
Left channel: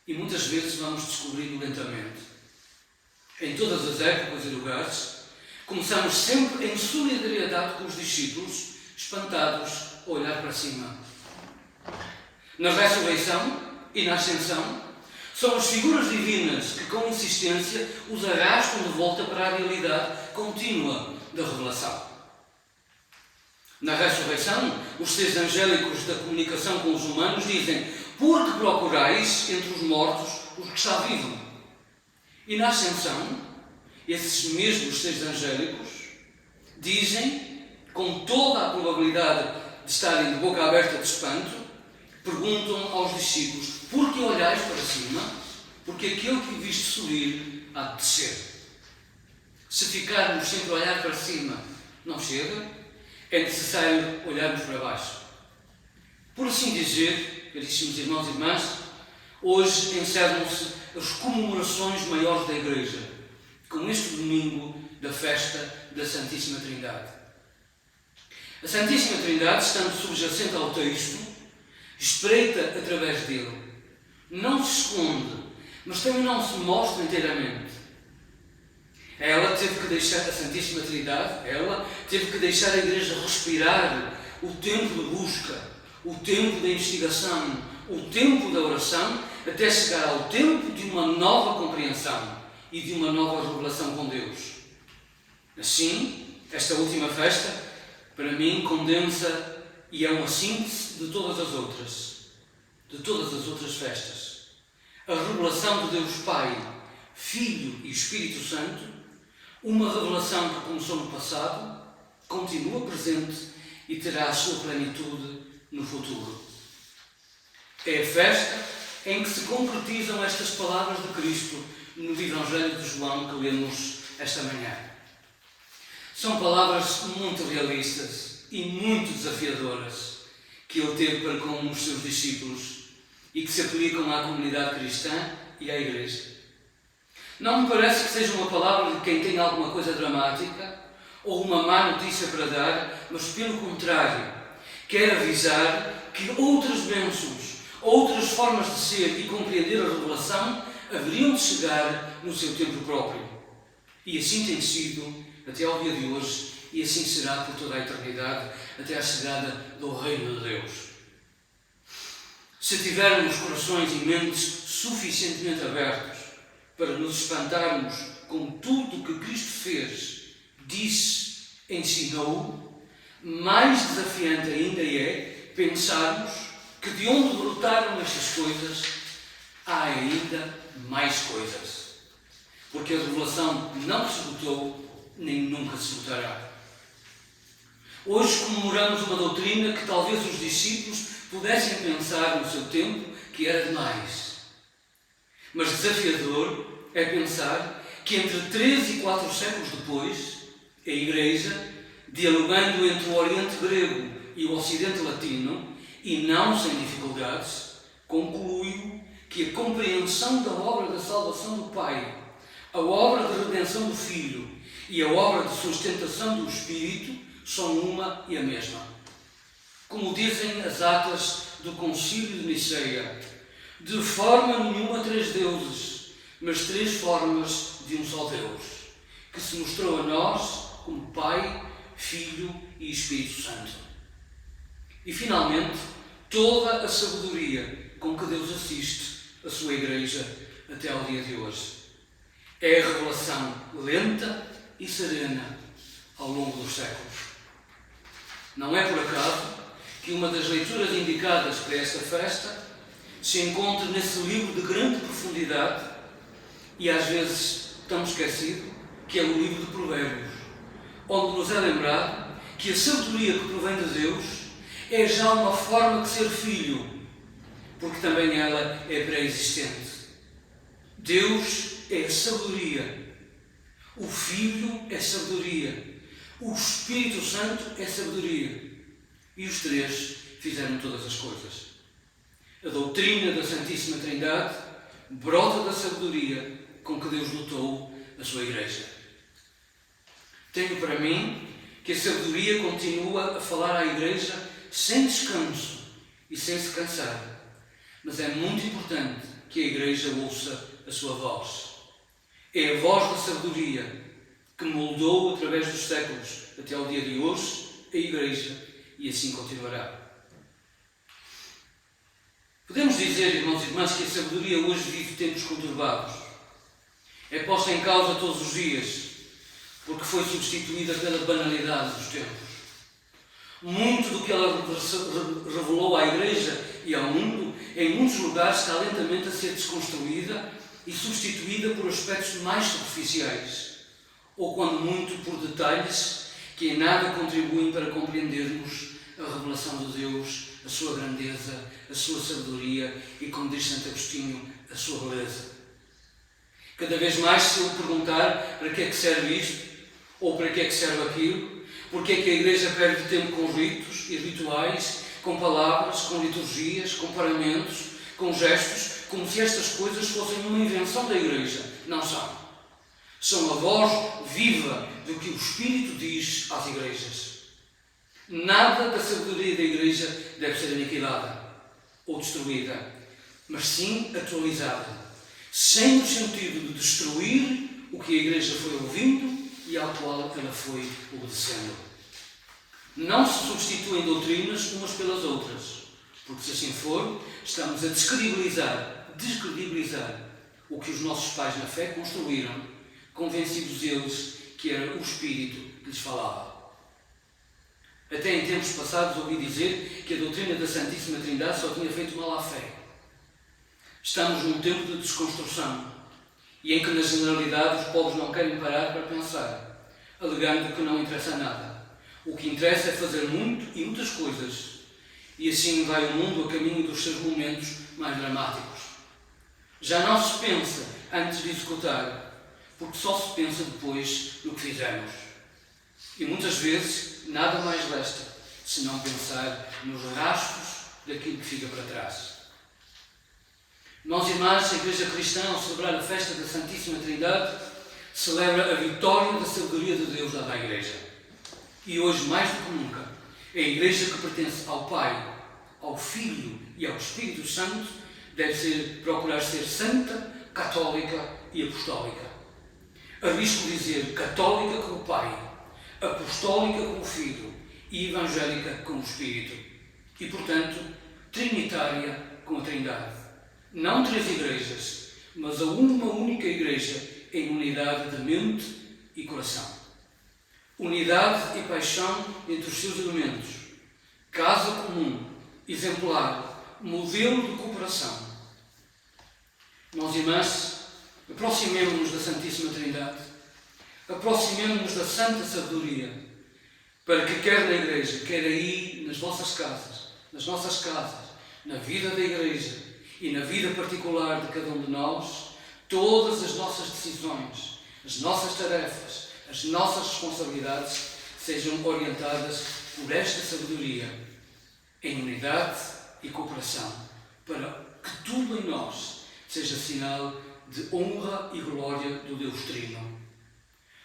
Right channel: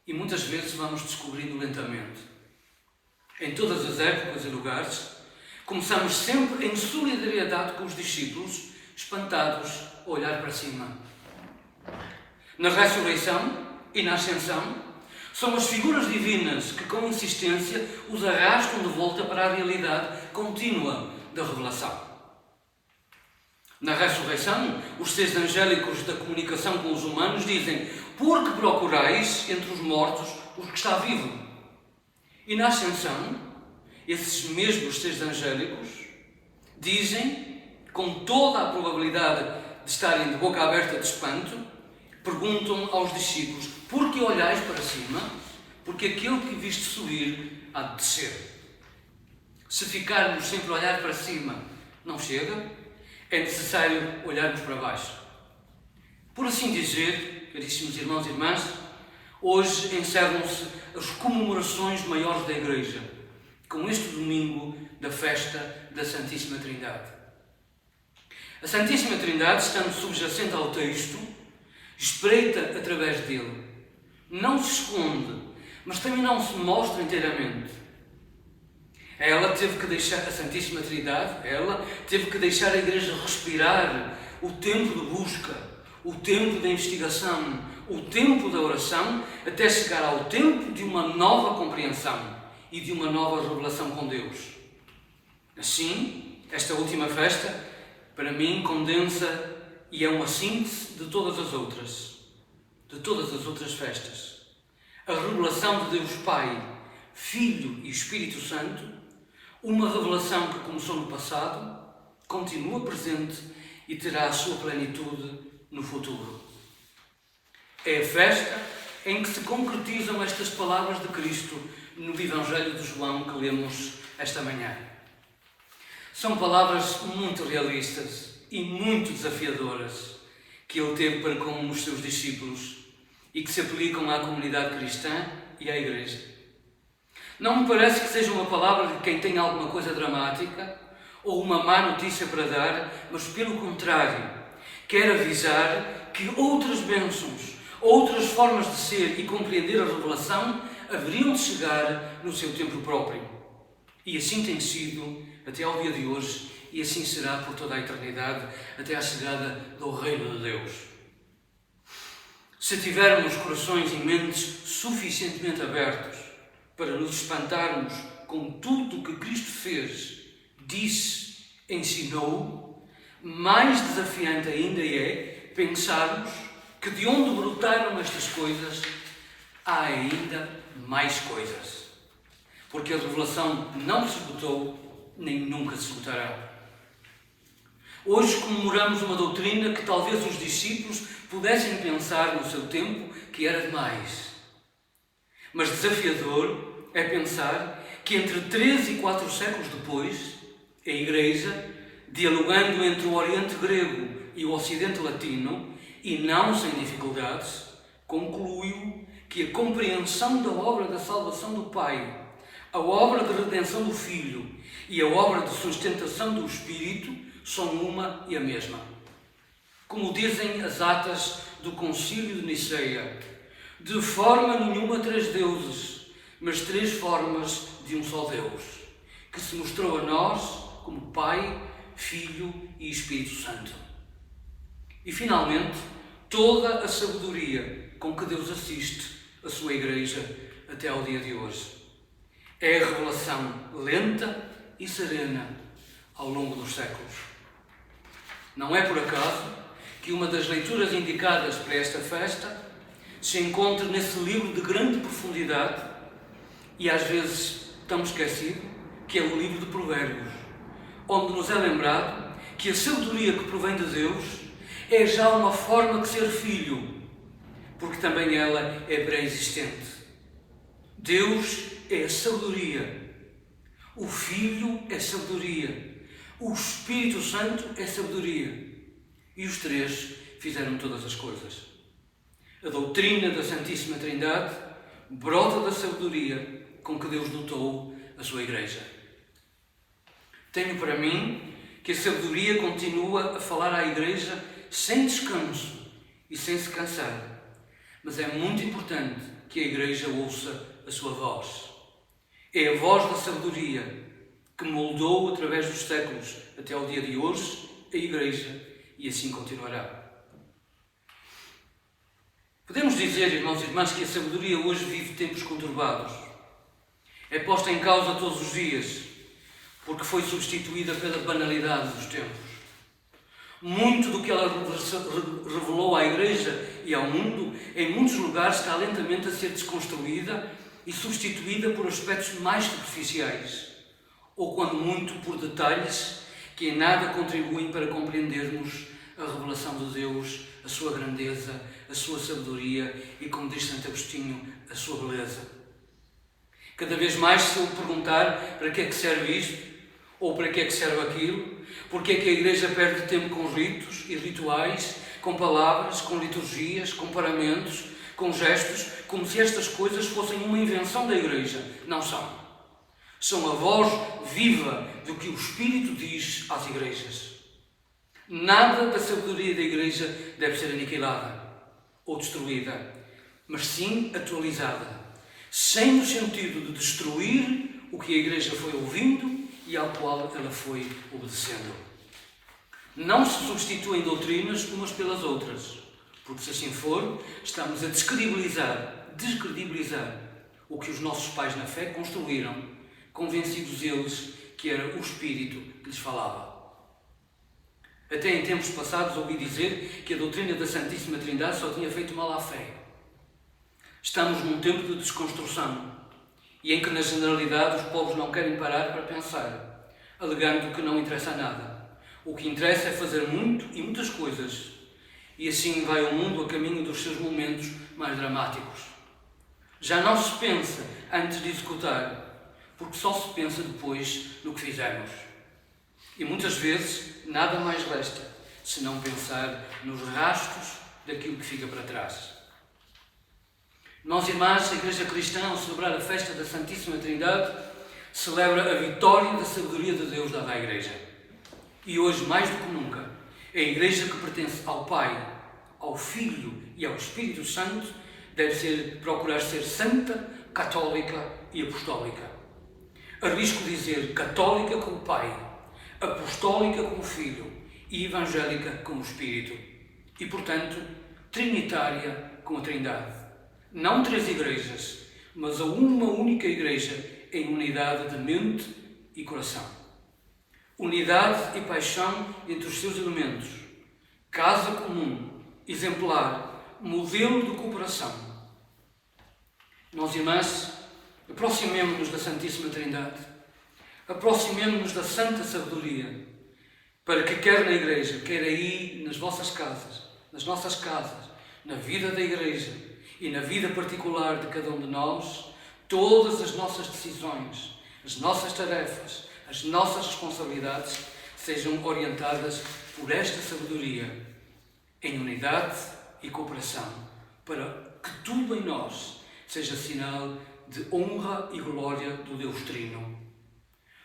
e muitas vezes vamos descobrindo lentamente. Em todas as épocas e lugares, começamos sempre em solidariedade com os discípulos, espantados a olhar para cima. Na ressurreição e na ascensão, são as figuras divinas que com insistência os arrastam de volta para a realidade contínua da revelação. Na ressurreição, os seres angélicos da comunicação com os humanos dizem: "Por que procurais entre os mortos os que está vivo?" E na ascensão, esses mesmos seres angélicos dizem, com toda a probabilidade de estarem de boca aberta de espanto, perguntam aos discípulos: "Por que olhais para cima? Porque aquele que viste subir há de descer." Se ficarmos sempre a olhar para cima não chega, é necessário olharmos para baixo. Por assim dizer, caríssimos irmãos e irmãs, hoje encerram-se as comemorações maiores da Igreja, com este domingo da festa da Santíssima Trindade. A Santíssima Trindade, estando subjacente ao texto, espreita através dele. Não se esconde, mas também não se mostra inteiramente. Ela teve que deixar, a Santíssima Trindade, ela teve que deixar a Igreja respirar o tempo de busca, o tempo da investigação, o tempo da oração, até chegar ao tempo de uma nova compreensão e de uma nova revelação com Deus. Assim, esta última festa, para mim, condensa e é uma síntese de todas as outras festas. A revelação de Deus Pai, Filho e Espírito Santo, uma revelação que começou no passado, continua presente e terá a sua plenitude no futuro. É a festa em que se concretizam estas palavras de Cristo no Evangelho de João que lemos esta manhã. São palavras muito realistas e muito desafiadoras que ele teve para com os seus discípulos e que se aplicam à comunidade cristã e à Igreja. Não me parece que seja uma palavra de quem tem alguma coisa dramática ou uma má notícia para dar, mas pelo contrário, quer avisar que outras bênçãos, outras formas de ser e compreender a revelação haveriam de chegar no seu tempo próprio. E assim tem sido até ao dia de hoje e assim será por toda a eternidade, até à chegada do Reino de Deus. Se tivermos corações e mentes suficientemente abertos para nos espantarmos com tudo o que Cristo fez, disse, ensinou, mais desafiante ainda é pensarmos que de onde brotaram estas coisas, há ainda mais coisas. Porque a revelação não se esgotou, nem nunca se esgotará. Hoje comemoramos uma doutrina que talvez os discípulos pudessem pensar no seu tempo que era demais. Mas desafiador é pensar que entre 3 e 4 séculos depois, a Igreja, dialogando entre o Oriente Grego e o Ocidente Latino, e não sem dificuldades, concluiu que a compreensão da obra da salvação do Pai, a obra de redenção do Filho e a obra de sustentação do Espírito são uma e a mesma. Como dizem as atas do Concílio de Niceia, de forma nenhuma 3 deuses, mas 3 formas de um só Deus, que se mostrou a nós como Pai, Filho e Espírito Santo. E finalmente, toda a sabedoria com que Deus assiste a sua Igreja até ao dia de hoje. É a revelação lenta e serena ao longo dos séculos. Não é por acaso que uma das leituras indicadas para esta festa se encontra nesse livro de grande profundidade e às vezes tão esquecido, que é o livro de Provérbios, onde nos é lembrado que a sabedoria que provém de Deus é já uma forma de ser filho, porque também ela é pré-existente. Deus é a sabedoria, o Filho é sabedoria, o Espírito Santo é sabedoria, e os 3 fizeram todas as coisas. A doutrina da Santíssima Trindade brota da sabedoria com que Deus dotou na sua igreja. Tenho para mim que a sabedoria continua a falar à igreja sem descanso e sem se cansar. Mas é muito importante que a igreja ouça a sua voz. É a voz da sabedoria que moldou através dos séculos até ao dia de hoje a igreja e assim continuará. Podemos dizer, irmãos e irmãs, que a sabedoria hoje vive tempos conturbados. É posta em causa todos os dias, porque foi substituída pela banalidade dos tempos. Muito do que ela revelou à Igreja e ao mundo, em muitos lugares está lentamente a ser desconstruída e substituída por aspectos mais superficiais, ou quando muito por detalhes que em nada contribuem para compreendermos a revelação de Deus, a sua grandeza, a sua sabedoria e, como diz Santo Agostinho, a sua beleza. Cada vez mais, se eu perguntar para que é que serve isto, ou para que é que serve aquilo, porque é que a Igreja perde tempo com ritos e rituais, com palavras, com liturgias, com paramentos, com gestos, como se estas coisas fossem uma invenção da Igreja. Não são. São a voz viva do que o Espírito diz às igrejas. Nada da sabedoria da Igreja deve ser aniquilada ou destruída, mas sim atualizada, sem o sentido de destruir o que a Igreja foi ouvindo e ao qual ela foi obedecendo. Não se substituem doutrinas umas pelas outras, porque se assim for, estamos a descredibilizar o que os nossos pais na fé construíram, convencidos eles que era o Espírito que lhes falava. Até em tempos passados ouvi dizer que a doutrina da Santíssima Trindade só tinha feito mal à fé. Estamos num tempo de desconstrução e em que, na generalidade, os povos não querem parar para pensar, alegando que não interessa nada. O que interessa é fazer muito e muitas coisas, e assim vai o mundo a caminho dos seus momentos mais dramáticos. Já não se pensa antes de executar, porque só se pensa depois no que fizemos. E muitas vezes nada mais resta senão pensar nos rastros daquilo que fica para trás. Nós, irmãos, a Igreja Cristã, ao celebrar a festa da Santíssima Trindade, celebra a vitória da sabedoria de Deus dada à Igreja. E hoje, mais do que nunca, a Igreja que pertence ao Pai, ao Filho e ao Espírito Santo deve procurar ser santa, católica e apostólica. Arrisco dizer católica como Pai, apostólica como Filho e evangélica como Espírito. E, portanto, trinitária com a Trindade. Não 3 igrejas, mas a uma única igreja em unidade de mente e coração. Unidade e paixão entre os seus elementos. Casa comum, exemplar, modelo de cooperação. Nós, irmãs, aproximemo-nos da Santíssima Trindade, aproximemo-nos da Santa Sabedoria, para que quer na igreja, quer aí nas vossas casas, nas nossas casas, na vida da igreja, e na vida particular de cada um de nós, todas as nossas decisões, as nossas tarefas, as nossas responsabilidades sejam orientadas por esta sabedoria, em unidade e cooperação, para que tudo em nós seja sinal de honra e glória do Deus Trino.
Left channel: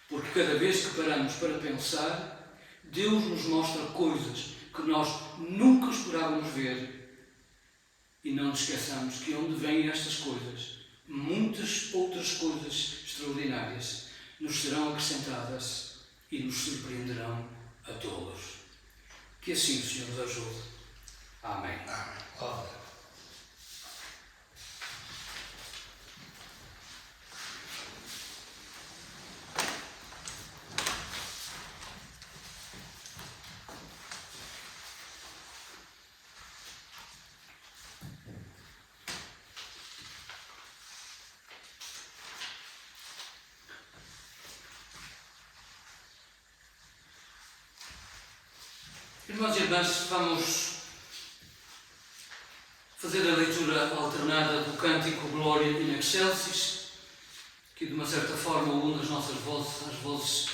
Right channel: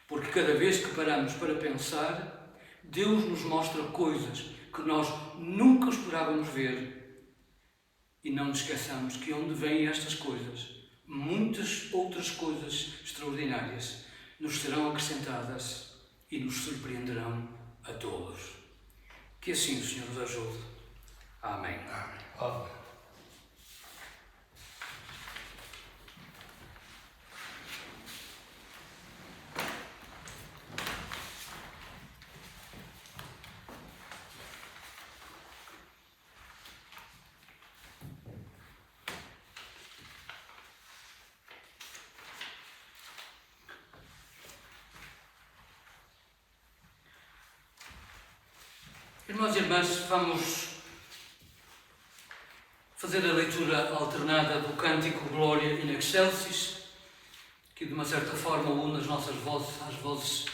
Porque cada vez que paramos para pensar, Deus nos mostra coisas que nós nunca esperávamos ver. E não nos esqueçamos que onde vêm estas coisas, muitas outras coisas extraordinárias nos serão acrescentadas e nos surpreenderão a todos. Que assim o Senhor nos ajude. Amém. Amém. Amém. Irmãos e irmãs, vamos fazer a leitura alternada do cântico Glória in Excelsis, que de uma certa forma une as nossas vozes às vozes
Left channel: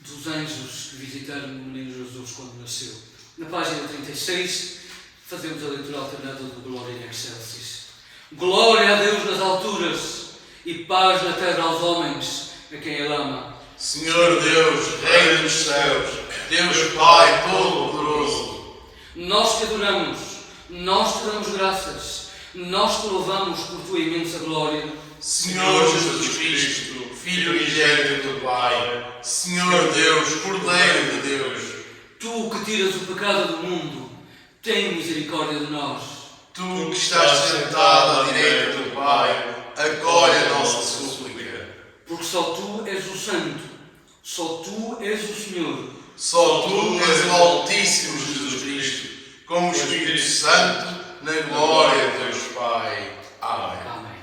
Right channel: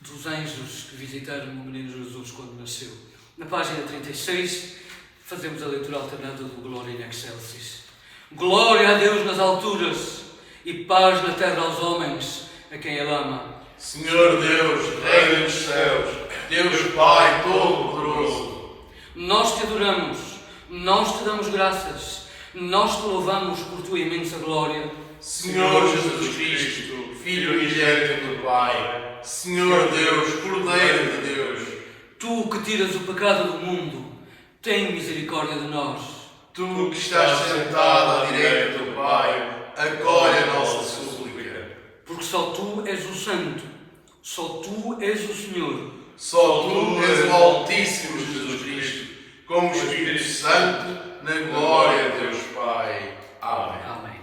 dos anjos que visitaram o menino Jesus quando nasceu. Na página 36, fazemos a leitura alternada do Glória in Excelsis. Glória a Deus nas alturas e paz na terra aos homens, a quem Ele ama. Senhor Deus, Rei dos céus, Deus Pai Todo-Poderoso, Nós te adoramos, nós te damos graças, nós te louvamos por tua imensa glória. Senhor Jesus Cristo, Filho unigênito do Pai, Senhor Deus, Cordeiro de Deus, Tu que tiras o pecado do mundo, tem misericórdia de nós. Tu que estás sentado à direita do Pai, acolhe a nossa súplica. Porque só Tu és o Santo, só Tu és o Senhor. Só Tu és o Altíssimo Jesus Cristo, com o Espírito Santo, na glória de Deus Pai. Amém. Amém.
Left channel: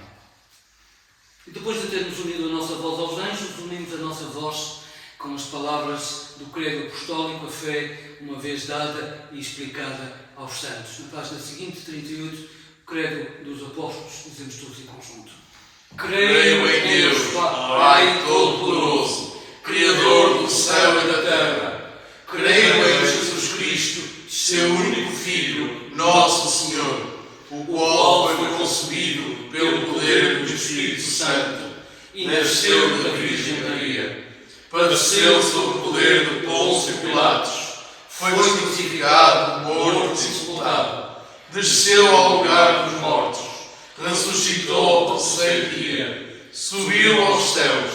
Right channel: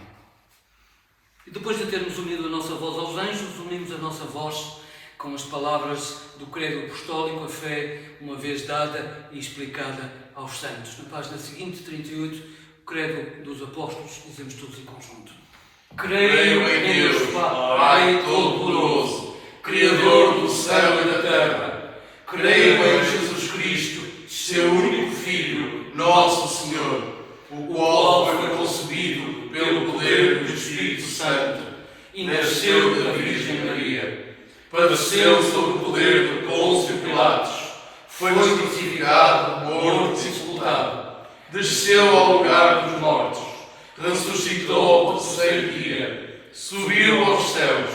E depois de termos unido a nossa voz aos anjos, unimos a nossa voz com as palavras do credo apostólico, a fé, uma vez dada e explicada aos santos. Na página seguinte, 38, o credo dos apóstolos, dizemos todos em conjunto. Creio em Deus, Pai Todo-Poderoso, Criador do céu e da terra. Creio em Jesus Cristo, seu único Filho, nosso Senhor, o qual foi concebido pelo poder do Espírito Santo e nasceu da Virgem Maria. Padeceu sob o poder de Pôncio Pilatos, foi crucificado, morto e sepultado. Desceu ao lugar dos mortos, ressuscitou ao terceiro dia, subiu aos céus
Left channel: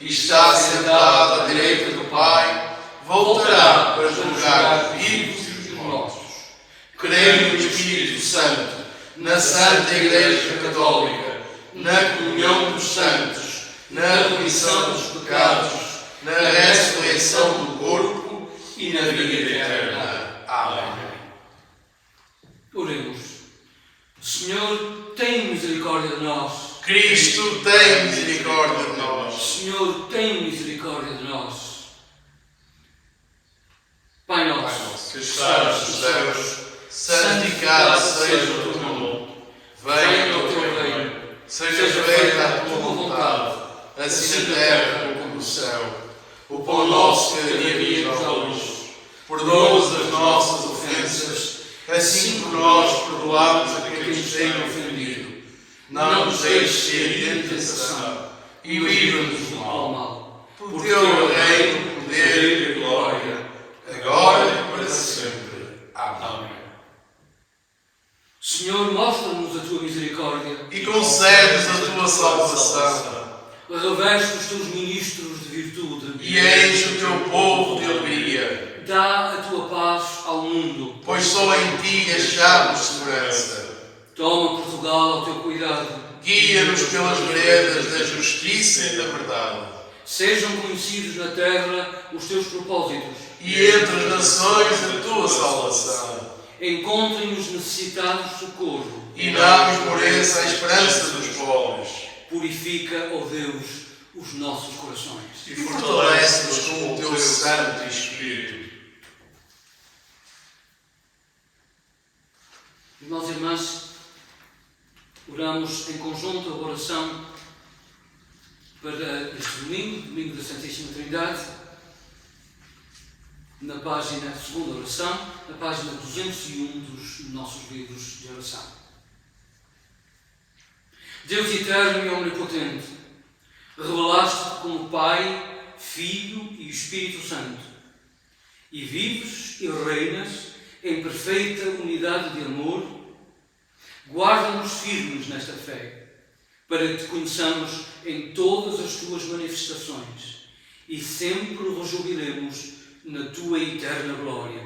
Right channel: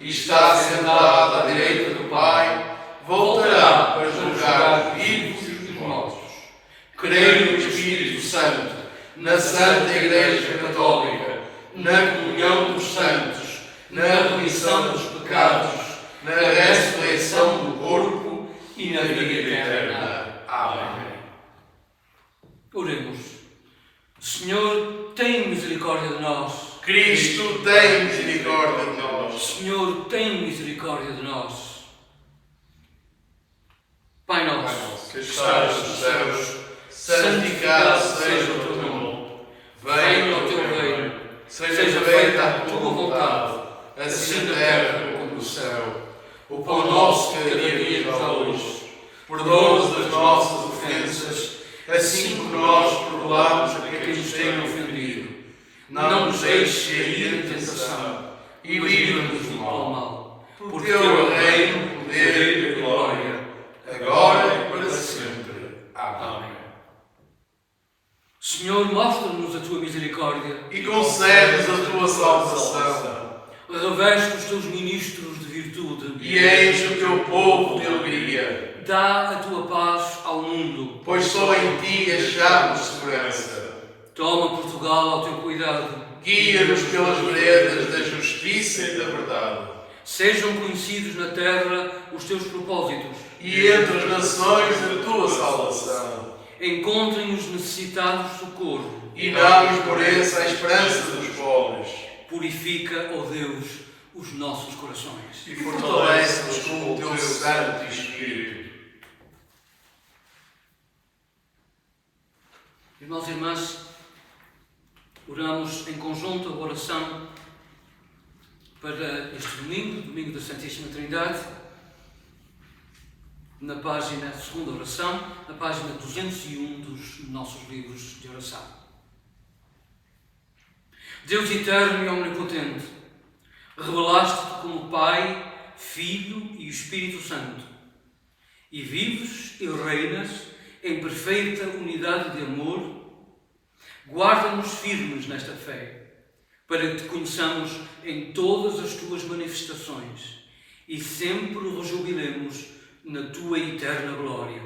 e está sentado à direita do Pai, voltará para julgar os vivos e os mortos. Creio no Espírito Santo, na Santa Igreja Católica, na comunhão dos santos, na remissão dos pecados, na ressurreição do corpo e na vida eterna. Amém. Oremos. Senhor, tem misericórdia de nós. Cristo tem misericórdia de nós. Senhor, tem misericórdia de nós. Pai nosso, Que estás nos céus, santificado seja o teu nome. Venha o teu reino, seja feita a tua vontade, assim na terra como no céu. O pão nosso cada dia nos dá hoje. Perdoa-nos as nossas ofensas, assim como nós perdoamos a quem nos tem ofendido. Não nos deixes cair em tentação e livra-nos do mal. Por teu reino, poder e glória, agora e para sempre. Amém. Senhor, mostra-nos a tua misericórdia. E concedes a tua salvação. Reveste os teus ministros de virtude. E enche o teu povo de alegria. Dá a tua paz ao mundo. Pois só em ti achamos segurança. Toma Portugal ao teu cuidado. Guia-nos pelas veredas da justiça e da verdade. Sejam conhecidos na terra os teus propósitos. E entre as nações a tua salvação. Encontrem os necessitados socorro. E dá-nos por essa a esperança dos pobres. Purifica, ó Deus, os nossos corações. E fortalece-nos com o teu Santo Espírito. Irmãos e irmãs, oramos em conjunto a oração para este domingo, domingo da Santíssima Trindade, na página, segunda oração, na página 201 dos nossos livros de oração. Deus eterno e omnipotente, revelaste-te como Pai, Filho e Espírito Santo, e vives e reinas em perfeita unidade de amor. Guarda-nos firmes nesta fé, para que te conheçamos em todas as tuas manifestações e sempre rejubilemos na tua eterna glória.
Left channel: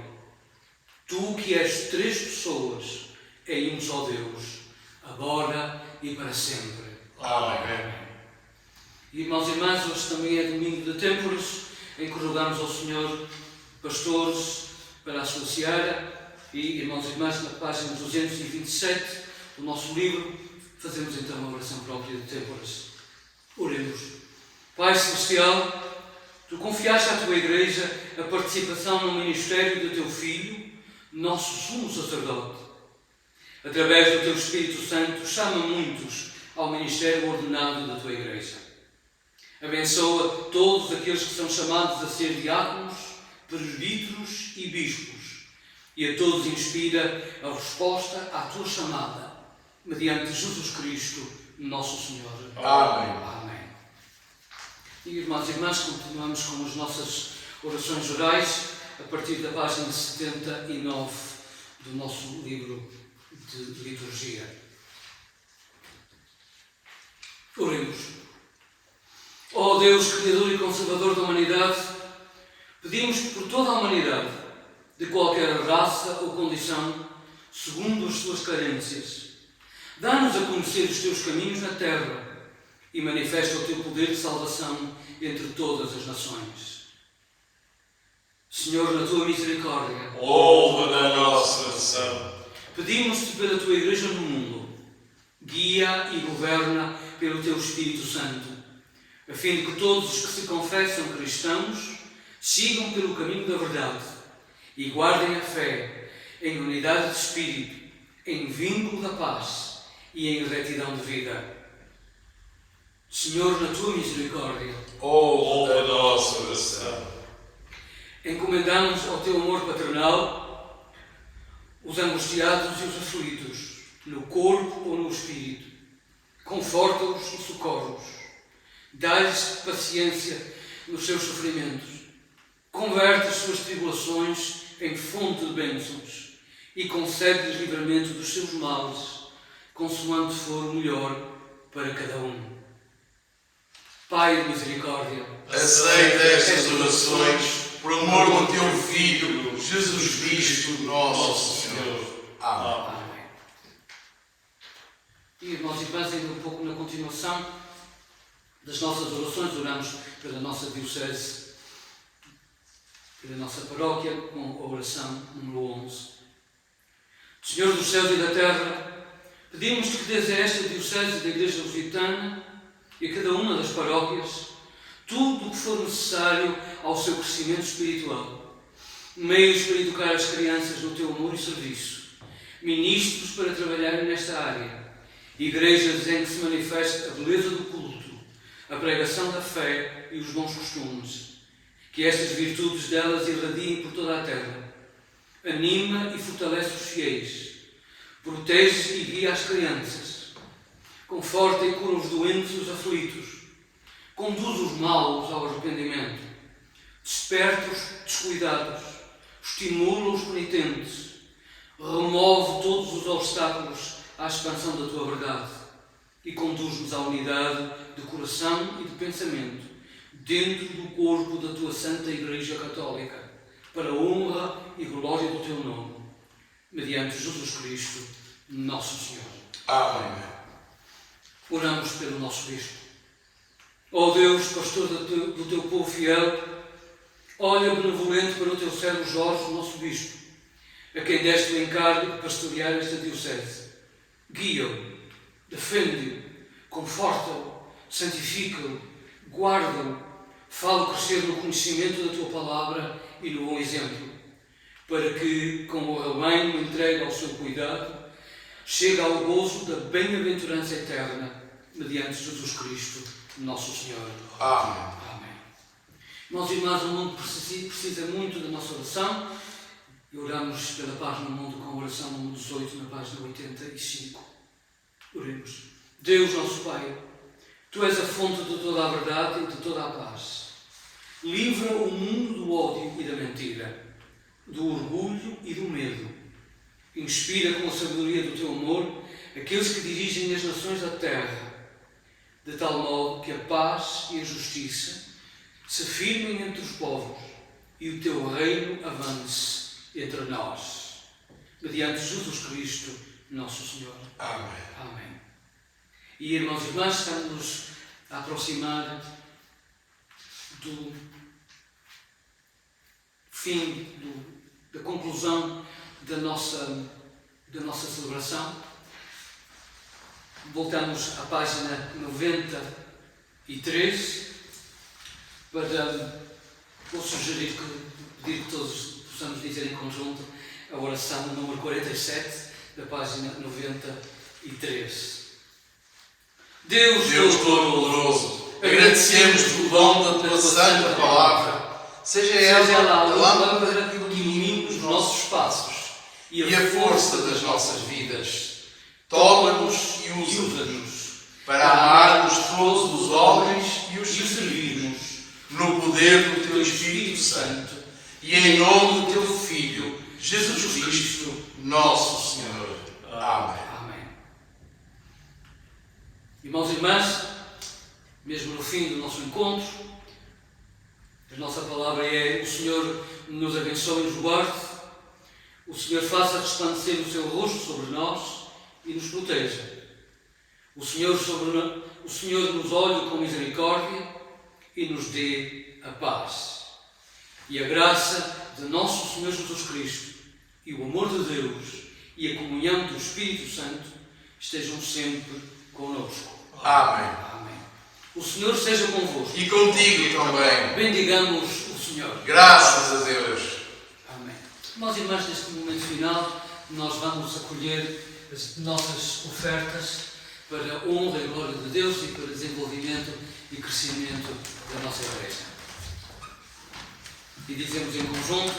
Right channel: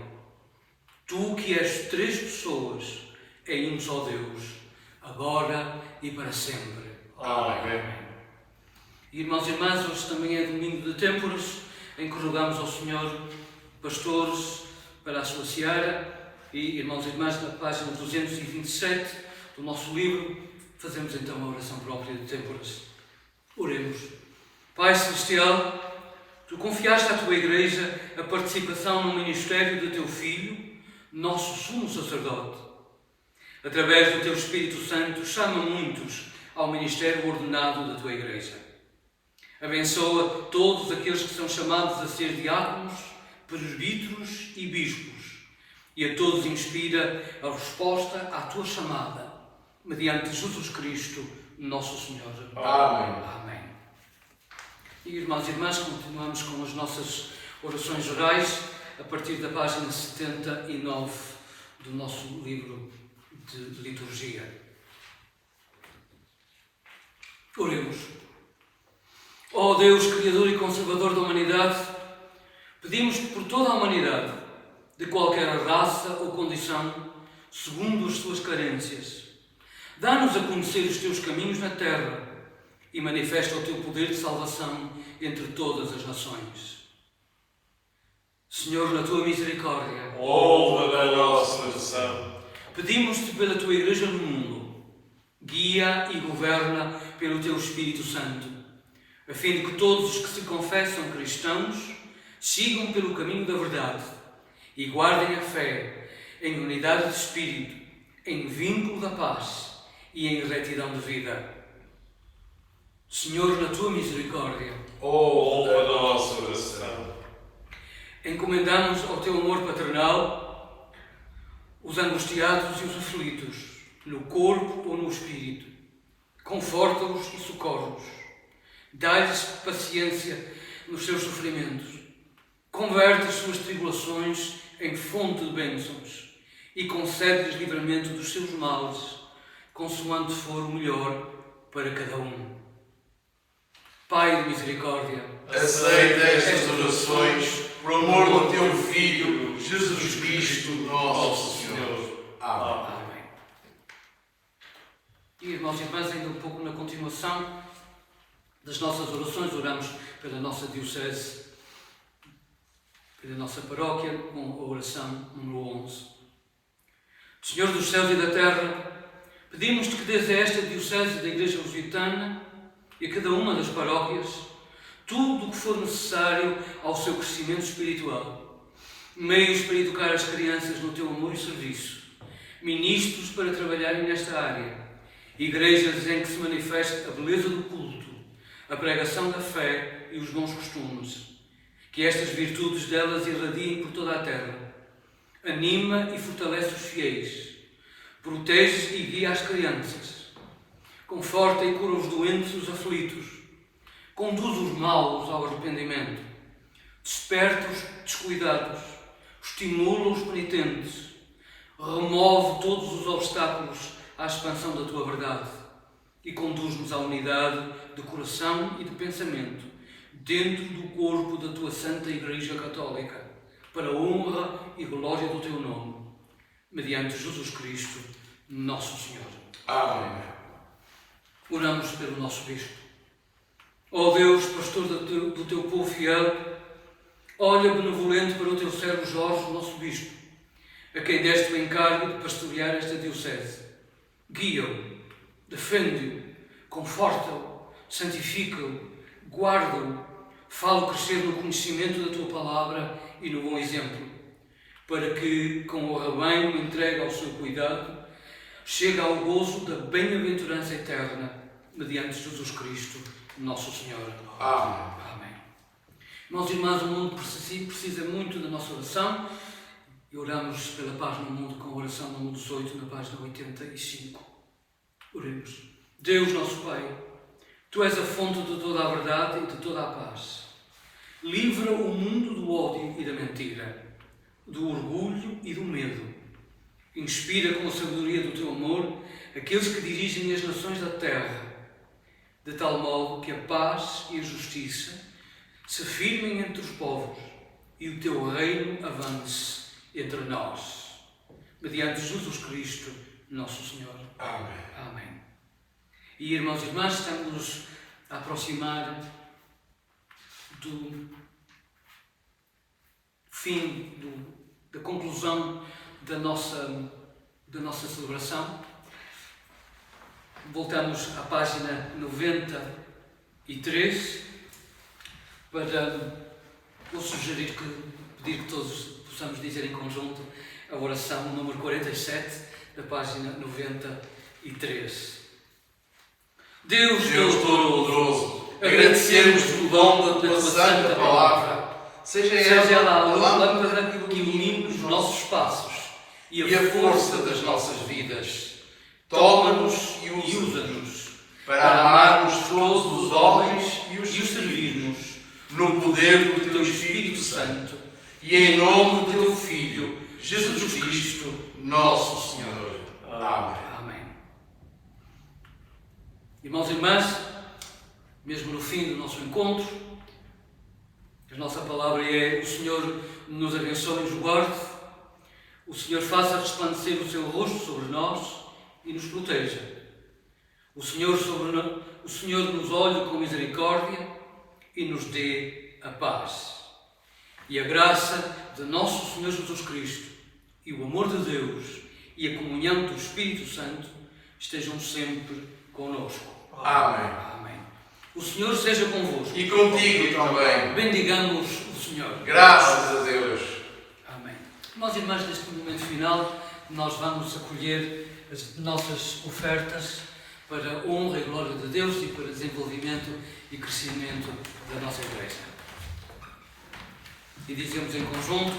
Tu que és três pessoas em um só Deus, agora e para sempre. Amém. Irmãos e irmãs, hoje também é domingo de Têmporas, em que rogamos ao Senhor pastores para a sua seara. E, irmãos e irmãs, na página 227 do nosso livro, fazemos então uma oração própria de Têmporas. Oremos. Pai Celestial, Tu confiaste à Tua Igreja a participação no ministério do Teu Filho, nosso sumo sacerdote. Através do Teu Espírito Santo, chama muitos ao ministério ordenado da Tua Igreja. Abençoa todos aqueles que são chamados a ser diáconos, presbíteros e bispos, e a todos inspira a resposta à Tua chamada, mediante Jesus Cristo, nosso Senhor. Amém. Amém. E, irmãos e irmãs, continuamos com as nossas orações orais a partir da página 79 do nosso livro de liturgia. Oremos. Ó Deus, Criador e Conservador da humanidade, pedimos por toda a humanidade, de qualquer raça ou condição, segundo as suas carências, dá-nos a conhecer os teus caminhos na terra e manifesta o teu poder de salvação entre todas as nações. Senhor, na tua misericórdia, ouve a nossa oração. pedimos-te pela tua Igreja no mundo, guia e governa pelo teu Espírito Santo, a fim de que todos os que se confessam cristãos sigam pelo caminho da verdade e guardem a fé em unidade de espírito, em vínculo da paz e em retidão de vida. Senhor, na tua misericórdia, Ouve a nossa oração. encomendamos ao teu amor paternal os angustiados e os aflitos, no corpo ou no espírito. Conforta-os e socorre-os. Dá-lhes paciência nos seus sofrimentos. Converte as suas tribulações em fonte de bênçãos e concede-lhes livramento dos seus males, consoante for o melhor para cada um. Pai de misericórdia, Aceita estas orações por amor do teu Filho, Jesus Cristo, nosso Senhor. Amém. Amém. E, irmãos e irmãs, ainda um pouco na continuação das nossas orações, oramos pela nossa diocese, pela nossa paróquia, com a oração número 11. Senhor dos céus e da terra, pedimos-te que dês a esta diocese da Igreja Lusitana e a cada uma das paróquias tudo o que for necessário ao seu crescimento espiritual, meios para educar as crianças no teu amor e serviço, ministros para trabalharem nesta área, igrejas em que se manifeste a beleza do culto, a pregação da fé e os bons costumes, que estas virtudes delas irradiem por toda a terra. Anima e fortalece os fiéis, protege e guia as crianças, conforta e cura os doentes e os aflitos, conduz os maus ao arrependimento, desperta os descuidados, estimula os penitentes, remove todos os obstáculos à expansão da tua verdade e conduz-nos à unidade de coração e de pensamento dentro do corpo da tua Santa Igreja Católica, para a honra e glória do teu nome, mediante Jesus Cristo, nosso Senhor. Amém. Oramos pelo nosso Bispo. Ó Deus, pastor do teu povo fiel, olha benevolente para o teu servo Jorge, nosso Bispo, a quem deste o encargo de pastorear esta diocese. Guia-o, defende-o, conforta-o, santifica-o, guarda-o, fala crescer no conhecimento da tua palavra e no bom exemplo, para que, com o rebanho entregue ao seu cuidado, chegue ao gozo da bem-aventurança eterna, mediante Jesus Cristo, nosso Senhor. Amém. Amém. Irmãos e irmãs, o mundo precisa muito da nossa oração e oramos pela paz no mundo com a oração número 18, na página 85. Oremos. Deus, nosso Pai, Tu és a fonte de toda a verdade e de toda a paz. Livra o mundo do ódio e da mentira, do orgulho e do medo. Inspira com a sabedoria do Teu amor aqueles que dirigem as nações da terra, de tal modo que a paz e a justiça se firmem entre os povos e o Teu reino avance entre nós. Mediante Jesus Cristo, nosso Senhor. Amém. Amém. E, irmãos e irmãs, estamos a aproximar do fim, da conclusão da nossa celebração. Voltamos à página 93 para vou sugerir pedir que todos possamos dizer em conjunto a oração número 47 da página 93. Deus Todo-Poderoso, agradecemos pelo dom da tua santa palavra. Seja Ela a ela lâmpada que ilumina os nossos passos e a força das nossas vidas. Toma-nos e usa-nos para amarmos todos os homens e os servirmos no poder do teu Espírito Santo e em nome do teu Filho, Jesus Cristo, nosso Senhor. Amém. Amém. Irmãos e irmãs, mesmo no fim do nosso encontro, a nossa palavra é: o Senhor nos abençoe e nos guarde, o Senhor faça resplandecer o seu rosto sobre nós e nos proteja. O Senhor nos olhe com misericórdia e nos dê a paz. E a graça de nosso Senhor Jesus Cristo e o amor de Deus e a comunhão do Espírito Santo estejam sempre connosco. Amém. Amém. O Senhor seja convosco. E contigo também. Bendigamos o Senhor. Graças a Deus. Amém. Irmãos e irmãs, neste momento final, nós vamos acolher as nossas ofertas para a honra e glória de Deus e para desenvolvimento e crescimento da nossa Igreja. E dizemos em conjunto:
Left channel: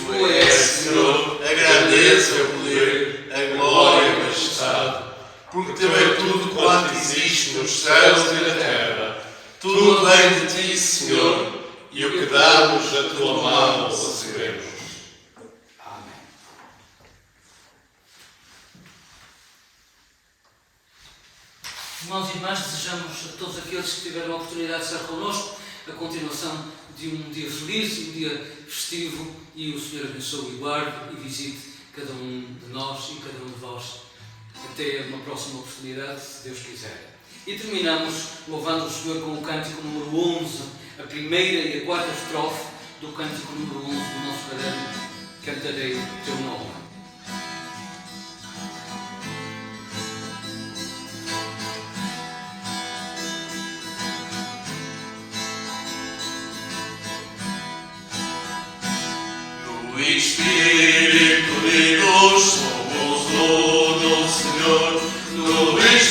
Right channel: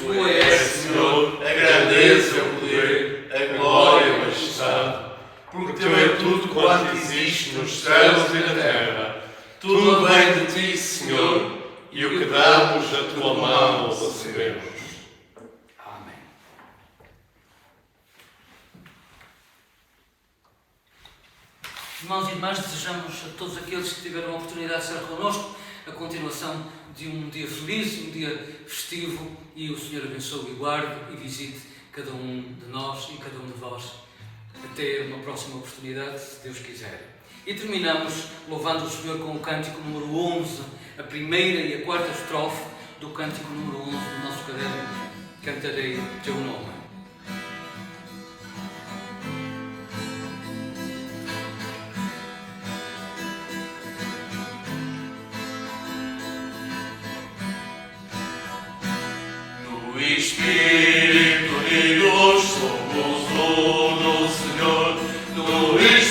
Tu és, Senhor, a grandeza, o poder, a glória e a majestade, porque teu é tudo quanto existe nos céus e na terra. Tudo vem de ti, Senhor, e o que damos da tua mão recebemos. Amém. Irmãos e irmãs, desejamos a todos aqueles que tiveram a oportunidade de estar connosco a continuação de um dia feliz, um dia festivo, e o Senhor abençoe e guarde e visite cada um de nós e cada um de vós. Até uma próxima oportunidade, se Deus quiser. E terminamos louvando o Senhor com o cântico número 11, a primeira e a quarta estrofe do cântico número 11 do nosso caderno, Cantarei Teu Nome. No Espírito e luz somos do Senhor, no Espírito